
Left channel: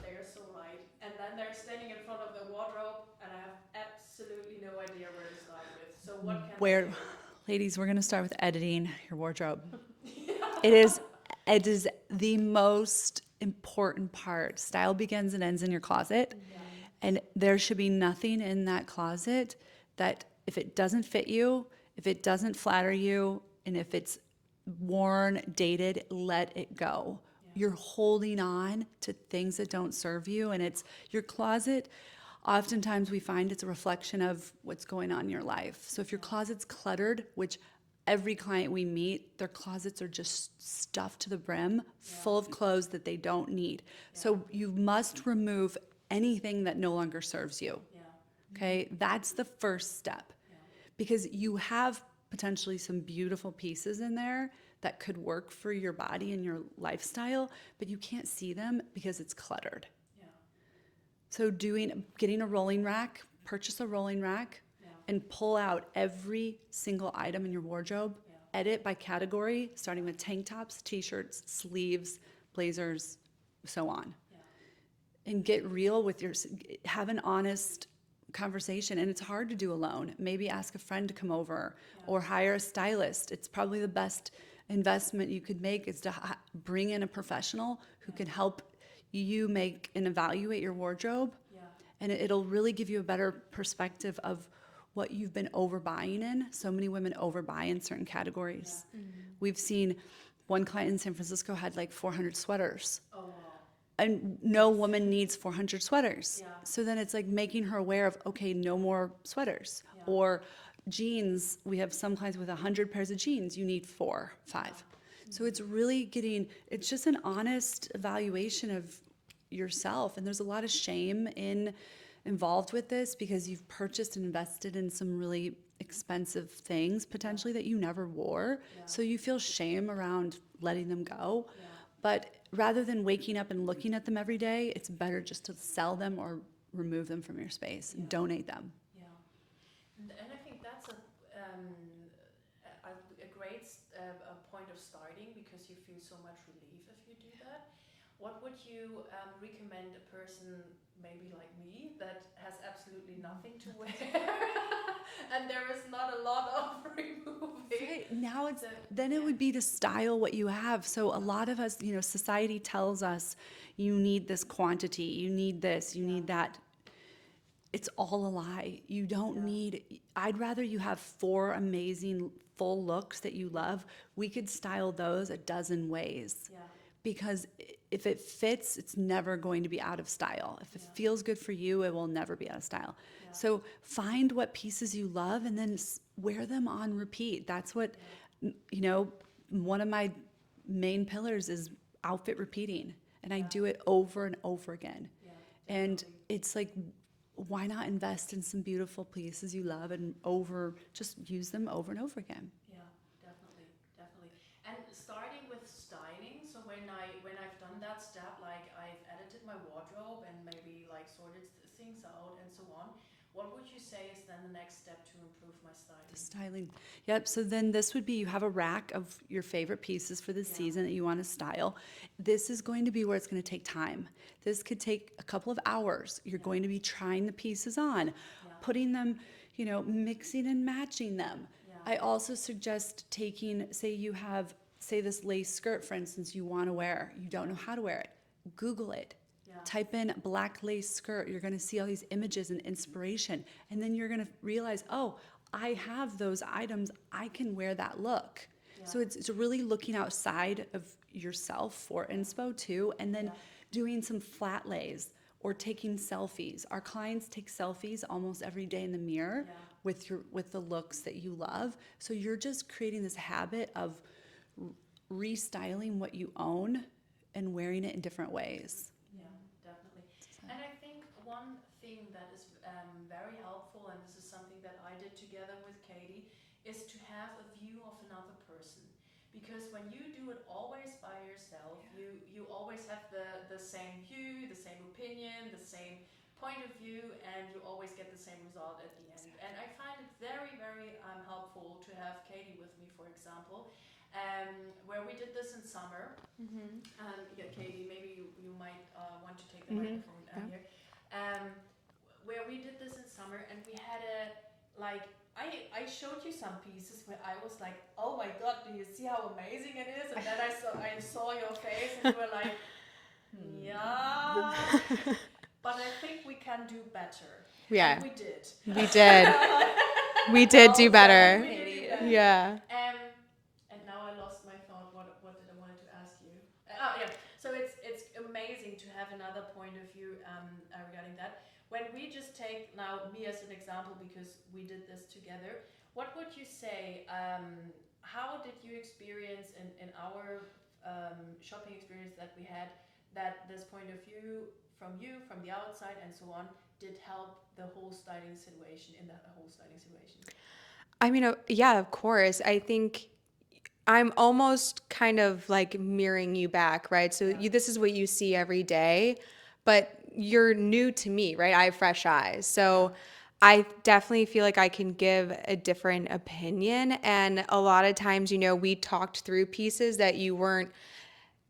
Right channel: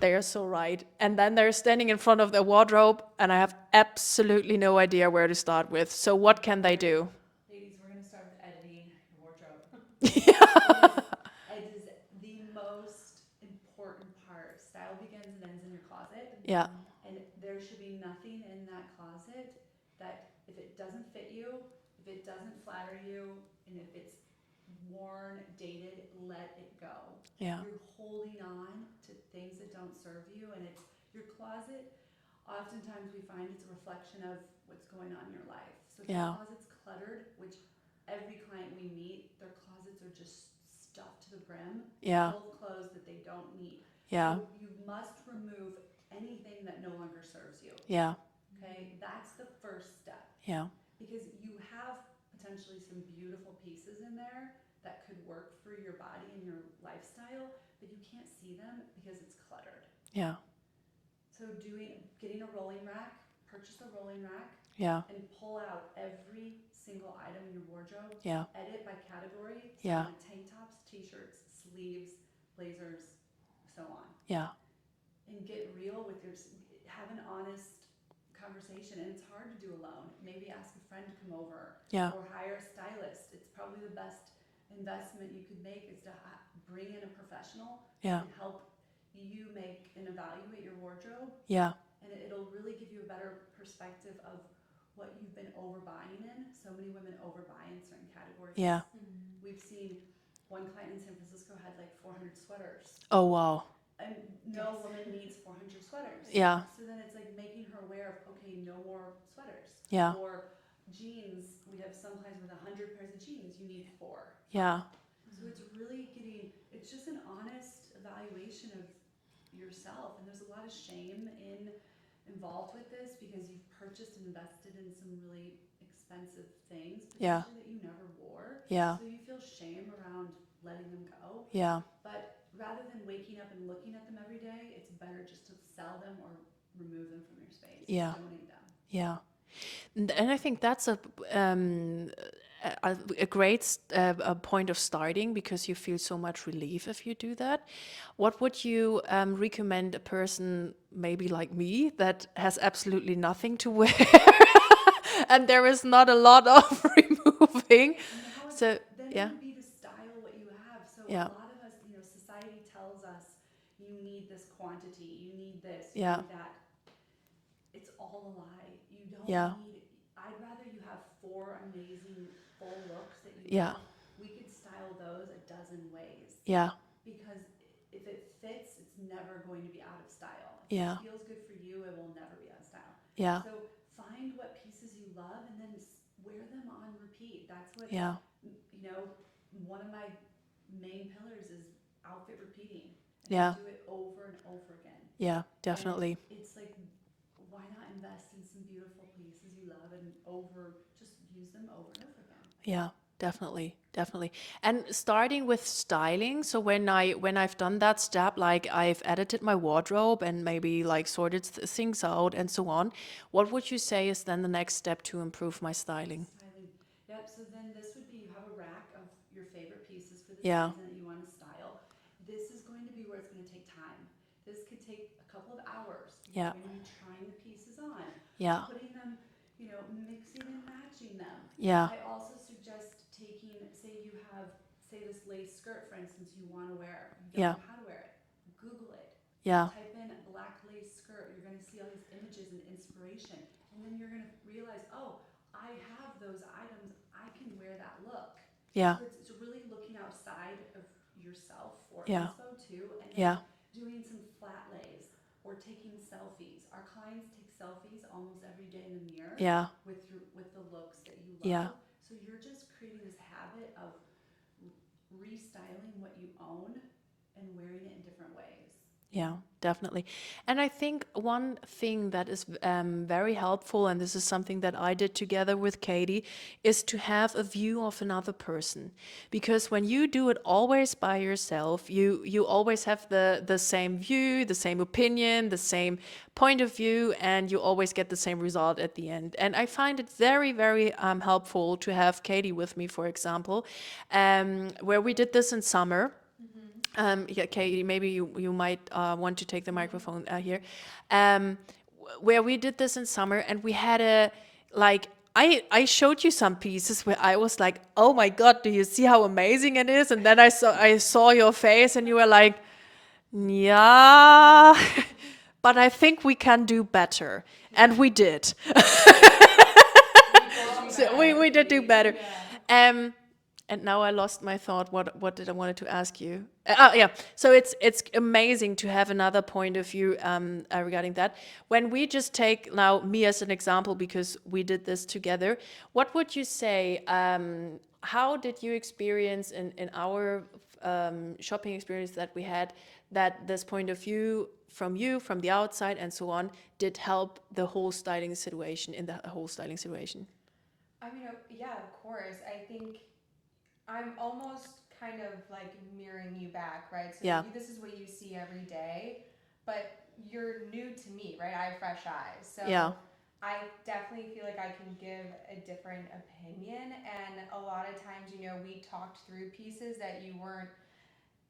they are so right. And then they're standing in front of their wardrobe and I have absolutely no idea where to start with. So what can they do? Ladies, we're going to start with editing your wardrobe. It is the most important part. Style begins and ends in your closet. Yeah. And there should be nothing in that closet that if it doesn't fit you, if it doesn't flatter you, and if it's worn, dated, let it go. Yeah. You're holding on to things that don't serve you, and it's your closet. Oftentimes we find it's a reflection of what's going on in your life. So if your closet's cluttered, which every client we meet, their closets are just stuffed to the brim, full of clothes that they don't need. Yeah. So you must remove anything that no longer serves you. Yeah. Okay? That's the first step. Yeah. Because you have potentially some beautiful pieces in there that could work for your body and your lifestyle, but you can't see them because it's cluttered. Yeah. So getting a rolling rack, purchase a rolling rack, and pull out every single item in your wardrobe. Yeah. Edit by category, starting Yeah. with tank tops, t-shirts, sleeves, blazers, so on. Yeah. And get real with have an honest conversation. And it's hard to do alone. Maybe ask a friend to come over or hire a stylist. It's probably the best investment you could make is to bring in a professional who can help you make and evaluate your wardrobe. Yeah. And it'll really give you a better perspective of what you've been overbuying in. So many women overbuy in certain categories. Yeah. We've seen one client in San Francisco had like 400 sweaters. Oh, wow. And no woman needs 400 sweaters. Yeah. So then it's like making her aware of, okay, no more sweaters. Yeah. Or jeans. We have some clients with 100 pairs of jeans. You need 4, 5. Yeah. So it's really it's just an honest evaluation of yourself. And there's a lot of shame involved with this because you've purchased and invested in some really expensive things potentially that you never wore. Yeah. So you feel shame around letting them go. Yeah. But rather than waking up and looking at them every day, it's better just to sell them or remove them from your space and donate them. Yeah. And I think that's a great point of starting because you feel so much relief if you do that. What would you recommend a person maybe like me that has absolutely nothing to wear and there is not a lot of removing? Now it yeah. would be to style what you have. So a lot of us, society tells us you need this quantity, you need this, you need that. It's all a lie. You don't need, I'd rather you have 4 amazing full looks that you love. We could style those a dozen ways. Yeah. Because if it fits, it's never going to be out of style. If it feels good for you, it will never be out of style. Yeah. So find what pieces you love and then wear them on repeat. That's what, one of my main pillars is outfit repeating. And I do it over and over again. Yeah, definitely. And it's like, why not invest in some beautiful pieces you love and just use them over and over again? Yeah, definitely, definitely. And starting with styling, so when I've done that step, like I've edited my wardrobe and maybe like sorted things out and so on, what would you say is then the next step to improve my styling? Styling. Yep. So then this would be, you have a rack of your favorite pieces for the Yeah. season that you want to style. This is going to be where it's going to take time. This could take a couple of hours. You're Yeah. going to be trying the pieces on, Yeah. putting them, mixing and matching them. Yeah. I also suggest taking, say this lace skirt, for instance, you want to wear, you don't Yeah. know how to wear it. Google it. Yeah. Type in black lace skirt. You're going to see all these images and inspiration. And then you're going to realize, oh, I have those items. I can wear that look. Yeah. So it's really looking outside of yourself for Yeah. inspo too. And then Yeah. doing some flat lays or taking selfies. Our clients take selfies almost every day in the mirror Yeah. with the looks that you love. Yeah. So you're just creating this habit of restyling what you own and wearing it in different ways. Yeah, definitely. And I think one thing that is very helpful, and this is something that I did together with Katie, is to have a view of another person. Because when you do it always by yourself, you always have the same view, the same opinion, the same point of view, and you always get the same result at the end. And I find it very, very helpful to have Katie with me, for example, where we did this in summer. Yeah, Katie, maybe you might want to take the microphone here. Where we did this in summer, and we had I showed you some pieces where I was like, oh my God, do you see how amazing it is? And then I saw your face, and you were like, yeah, but I think we can do better. Yeah. And we did. We did. We did do better. So we did do better. Yeah. And now I lost my thought. What did I wanted to ask you? Yeah. So it's amazing to have another point of view regarding that. When we just take now me as an example, because we did this together, what would you say? How did you experience in our shopping experience that we had, that this point of view from you, from the outside and so on, did help the whole styling situation, in the whole styling situation? I mean, yeah, of course. I think I'm almost kind of like mirroring you back, right? So Yeah. this is what you see every day, but you're new to me, right? I have fresh eyes. So Yeah. I definitely feel like I can give a different opinion. And a lot of times, we talked through pieces that you weren't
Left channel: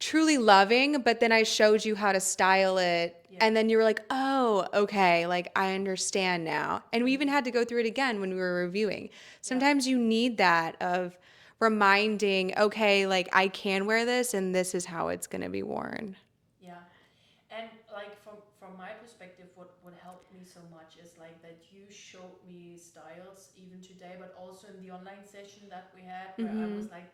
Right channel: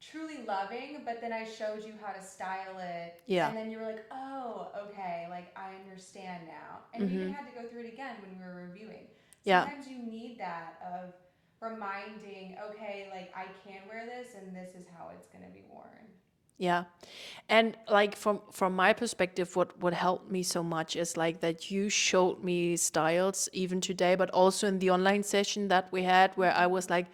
truly loving, but then I showed you how to style it. Yeah. And then you were like, oh, okay, like I understand now. And we even had to go through it again when we were reviewing. Yeah. Sometimes you need that of reminding, okay, like I can wear this and this is how it's going to be worn. Yeah. And like from my perspective, what helped me so much is like that you showed me styles even today, but also in the online session that we had, where I was like,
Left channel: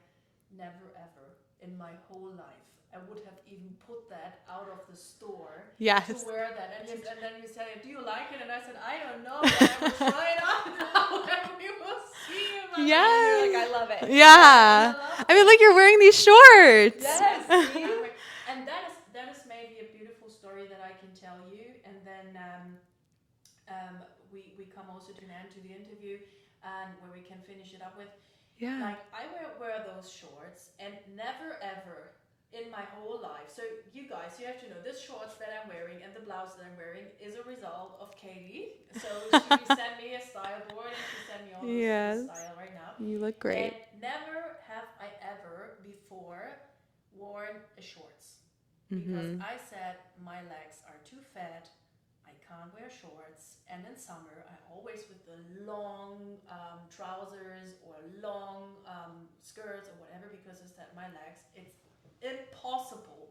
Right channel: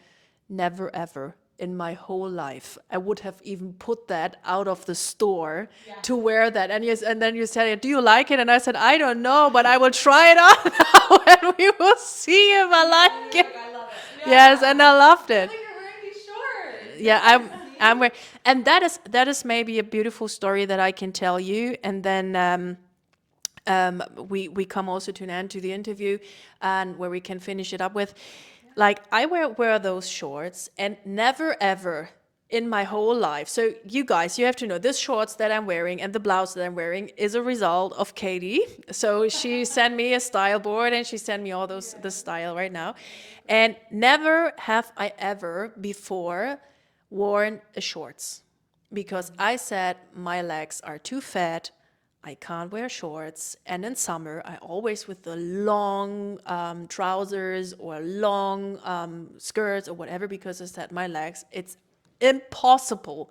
never ever in my whole life I would have even put that out of the store Yes. to wear that. And then you said, do you like it? And I said, I don't know, but I will try it on now and we will see if I like it. I love it. Yes, and I loved it. I mean, look, you're wearing these shorts. Yeah, I'm wearing, and that is maybe a beautiful story that I can tell you, and then we come also to an end to the interview, and where we can finish it up with, like I wear those shorts, and never ever in my whole life. So you guys, you have to know this shorts that I'm wearing and the blouse that I'm wearing is a result of Katie. So she sent me a style board and she sent me all those the Yes. style right now. You look great. And never have I ever before worn a shorts, because I said my legs are too fat. I can't wear shorts. And in summer, I always with the long trousers or long skirts or whatever, because I said my legs, it's impossible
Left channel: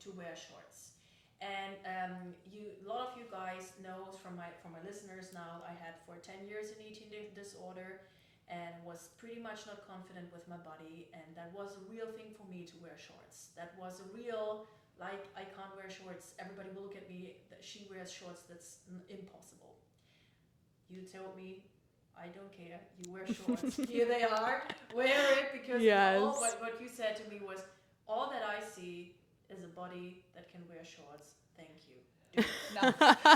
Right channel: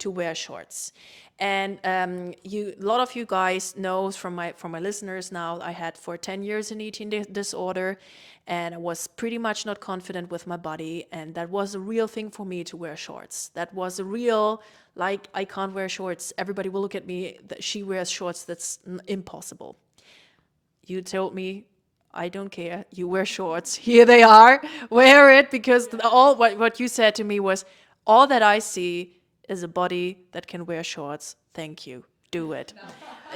to wear shorts. And a lot of you guys know from my listeners now, I had for 10 years an eating disorder, and I was pretty much not confident with my body, and that was a real thing for me to wear shorts. That was a real, like, I can't wear shorts. Everybody will look at me that she wears shorts. That's impossible. You told me, I don't care. You wear shorts. Here they are. Wear it, because all what you said to me was, all that I see is a body that can wear shorts. Thank you. Do it.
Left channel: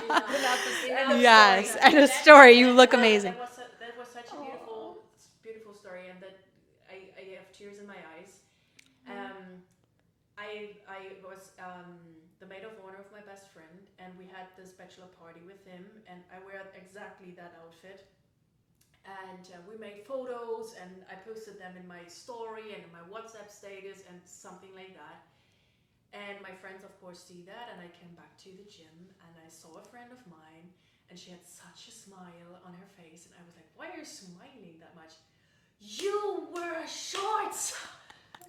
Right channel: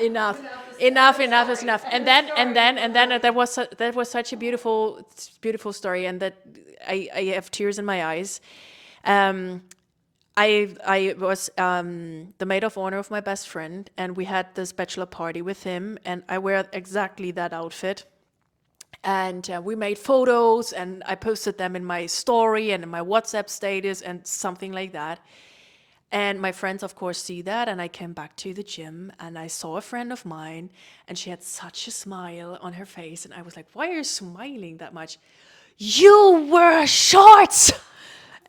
Enough is enough. And a story, you look amazing. That was such a beautiful story, and that I have tears in my eyes. I was the maid of honor of my best friend, and we had this bachelor party with him, and I wear exactly that outfit. And we made photos, and I posted them in my story and in my WhatsApp status and something like that. And my friends, of course, see that. And I came back to the gym, and I saw a friend of mine, and she had such a smile on her face. And I was like, why are you smiling that much? You wear shorts!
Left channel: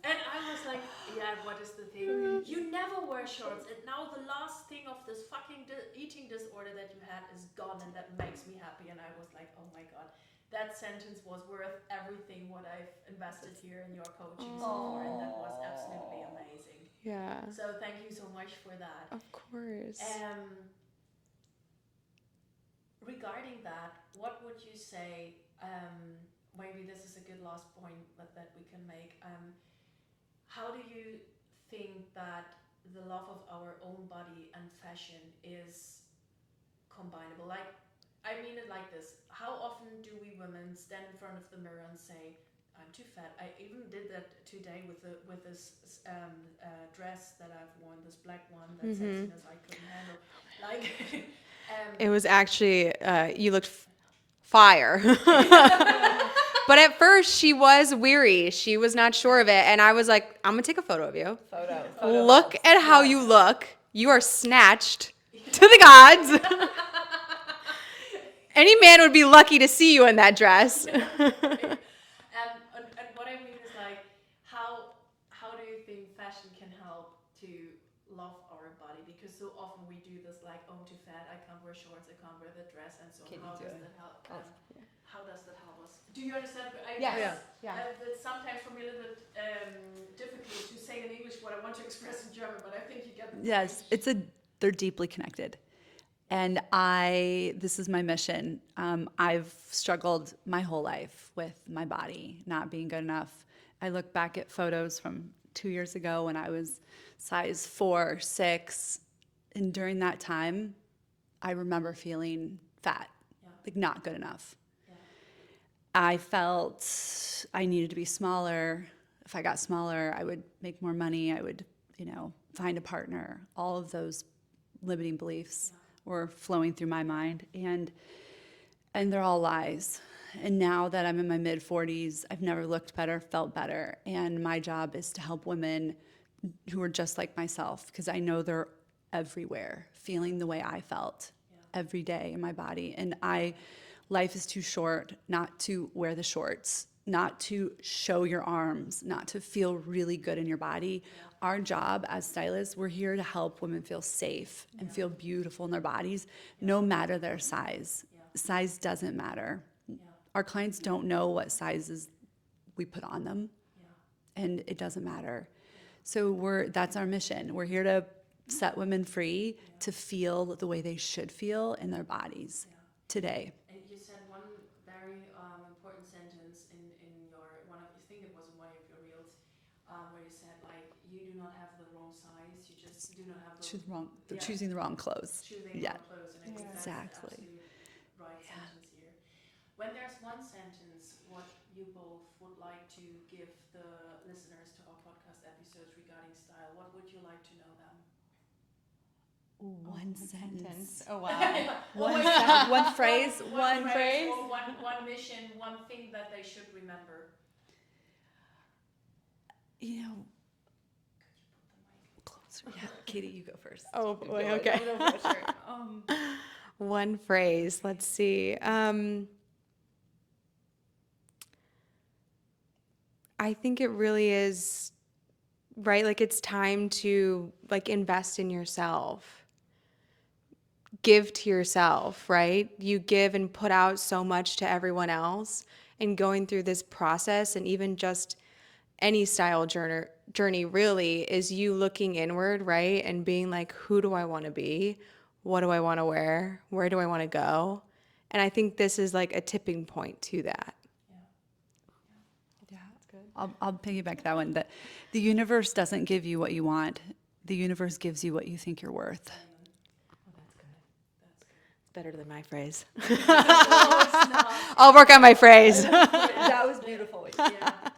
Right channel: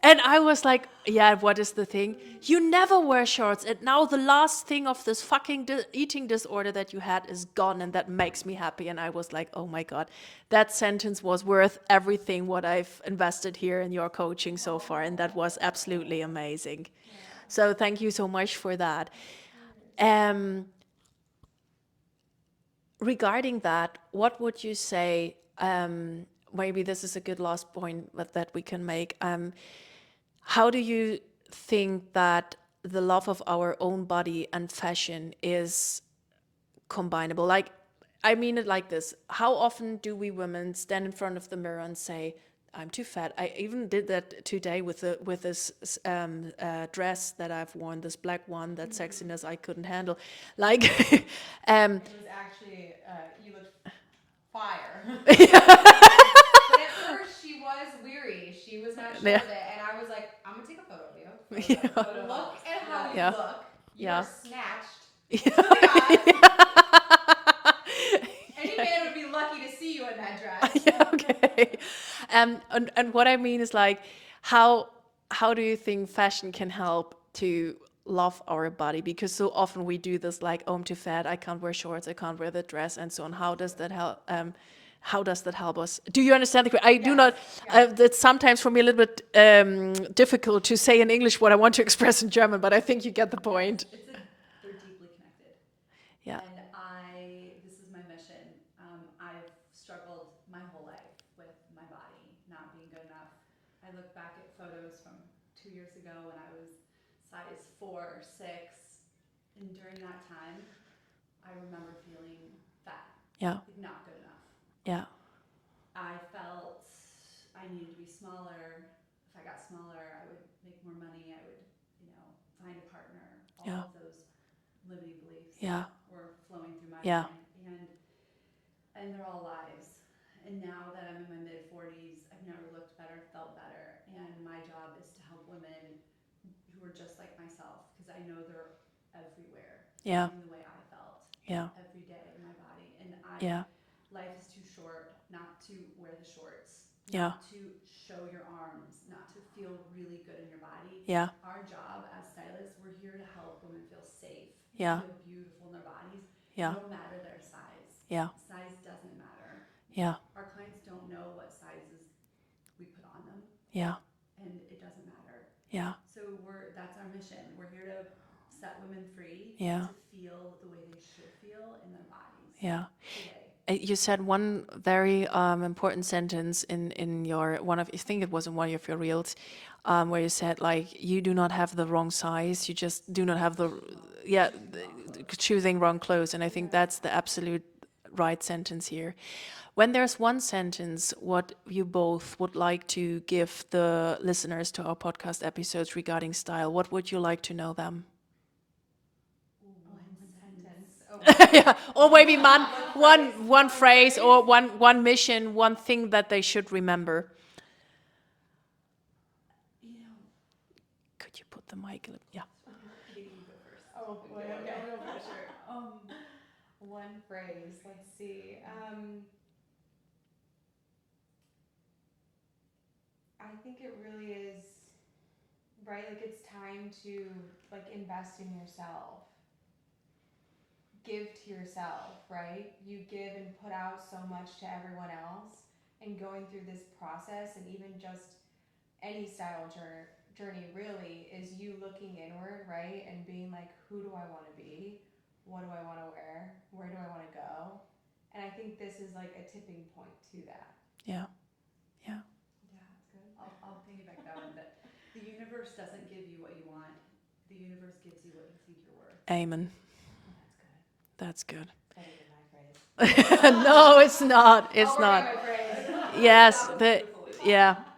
And I was like, yeah, what is the thing? You never wear shorts. And now the last thing of this fucking eating disorder that you had is gone. And that makes me happy. And I was like, oh my God, that sentence was worth everything what I've invested here in your coaching so far. And that was absolutely amazing. Yeah. So thank you so much for that. Of course. Regarding that, what would you say, maybe this is a good last point that we can make. How do you think that the love of our own body and fashion is combinable? Like, I mean it like this. How often do we women stand in front of the mirror and say, I'm too fat? I even did that today with this dress that I've worn, this black one, that sexiness I couldn't handle. Like, It was actually, you looked fire. But at first, she was weary. She was not sure of it. And I was like, I'm going to take a photo of you. Look at how you look. You are snatched to the gods. Any man would be lucky to see you in that dress. Okay. And what I mean is, like, how do you think fashion can help to love our body? Because so often we do this, like, oh, I'm too fat, I can't wear shorts, I can't wear the dress, and so on. How does that help? How does that help us? Do you understand? I do not. It's sometimes for me a little bit difficult to say in English what I want to express in German, but I think you get the point. Yes, they're deeply connected. Yeah. And this is my mission. I've struggled my whole life with my body not being good enough. I look back at photos from 2 years ago when I was size 4, 6. And during that time, I remember feeling fat. Yeah. Like not good enough. Yeah. I felt I needed to be smaller. If I got smaller, I would make more money. I would, find a partner. All of those limiting beliefs were flowing through my mind. And they're all lies. And now that I'm in my mid-40s, I've never looked better, felt better. And my job is to help women who are just like myself, because I know they're everywhere, feeling the way I felt every day in my body. And life is too short not to wear the shorts, not to show your arms, not to feel really good in your body. Yeah. Our job as stylists, we're here to help women feel safe and feel beautiful in their bodies, no matter their size. Yeah. Size doesn't matter. Yeah. Our clients don't know what sizes we put on them. Yeah. And it doesn't matter. Yeah. So that's our mission. We're here to set women free to feel the way they should feel in their bodies today. You said one very important sentence in your I think it was in one of your reels, where you said, like, you do not have the wrong size, you just do not have the choosing the wrong clothes. Choosing wrong clothes, and I think that's the absolute right sentence here. When there's one sentence what you both would like to give the listeners to our podcast episodes regarding style, what would you like to know them? One sentence. Or maybe one phrase, phrase. or one mission, one thing that they should remember. Could you put the mic a little closer? Yeah. Katie, you go first. Oh, boy, okay. One phrase. Let's see. I think it really is, right? Like, it's time to, like, invest in yourself. Give to yourself, right? You give and put out so much to everyone else, and going through this process, and even just any style journey really is you looking inward, right? And being like, who do I want to be? What do I want to wear? Where do I want to go? And I think this is like a tipping point to that. Yeah. That's good. I'll piggyback that one. That the universe doesn't give you what you want. The universe gives you what you think you're worth. Amen. That's good. Better than my phrase. No, it's not. I'll work on my phrase. Yes,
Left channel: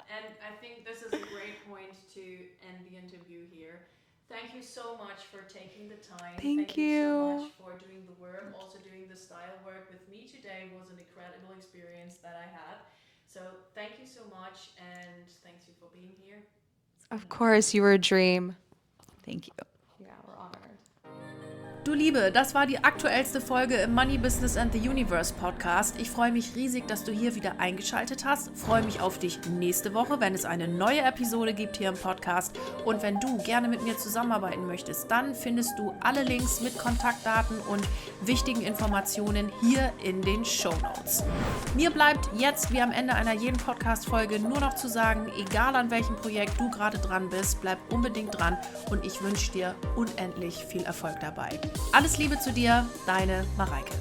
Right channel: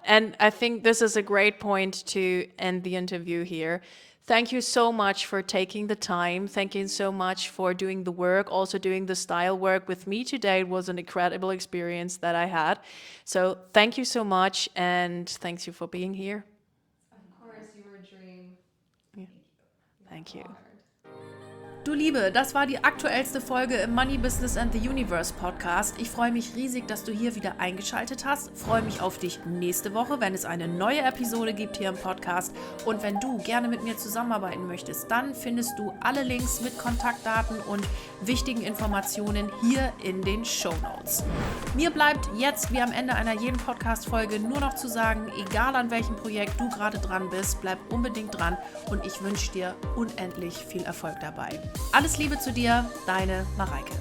and I think this is a great point to end the interview here. Thank you so much for taking the time. Thank you so much for doing the work, also doing the style work with me today. It was an incredible experience that I had. So thank you so much, and thanks you for being here. Of course, you were a dream. Thank you. Thank you. Du Liebe, das war die aktuellste Folge im Money, Business and the Universe Podcast. Ich freue mich riesig, dass du hier wieder eingeschaltet hast. Freue mich auf dich nächste Woche, wenn es eine neue Episode gibt hier im Podcast. Und wenn du gerne mit mir zusammenarbeiten möchtest, dann findest du alle Links mit Kontaktdaten und wichtigen Informationen hier in den Shownotes. Mir bleibt jetzt, wie am Ende einer jeden Podcast-Folge, nur noch zu sagen, egal an welchem Projekt du gerade dran bist, bleib unbedingt dran und ich wünsche dir unendlich viel Erfolg dabei. Alles Liebe zu dir, deine Mareike.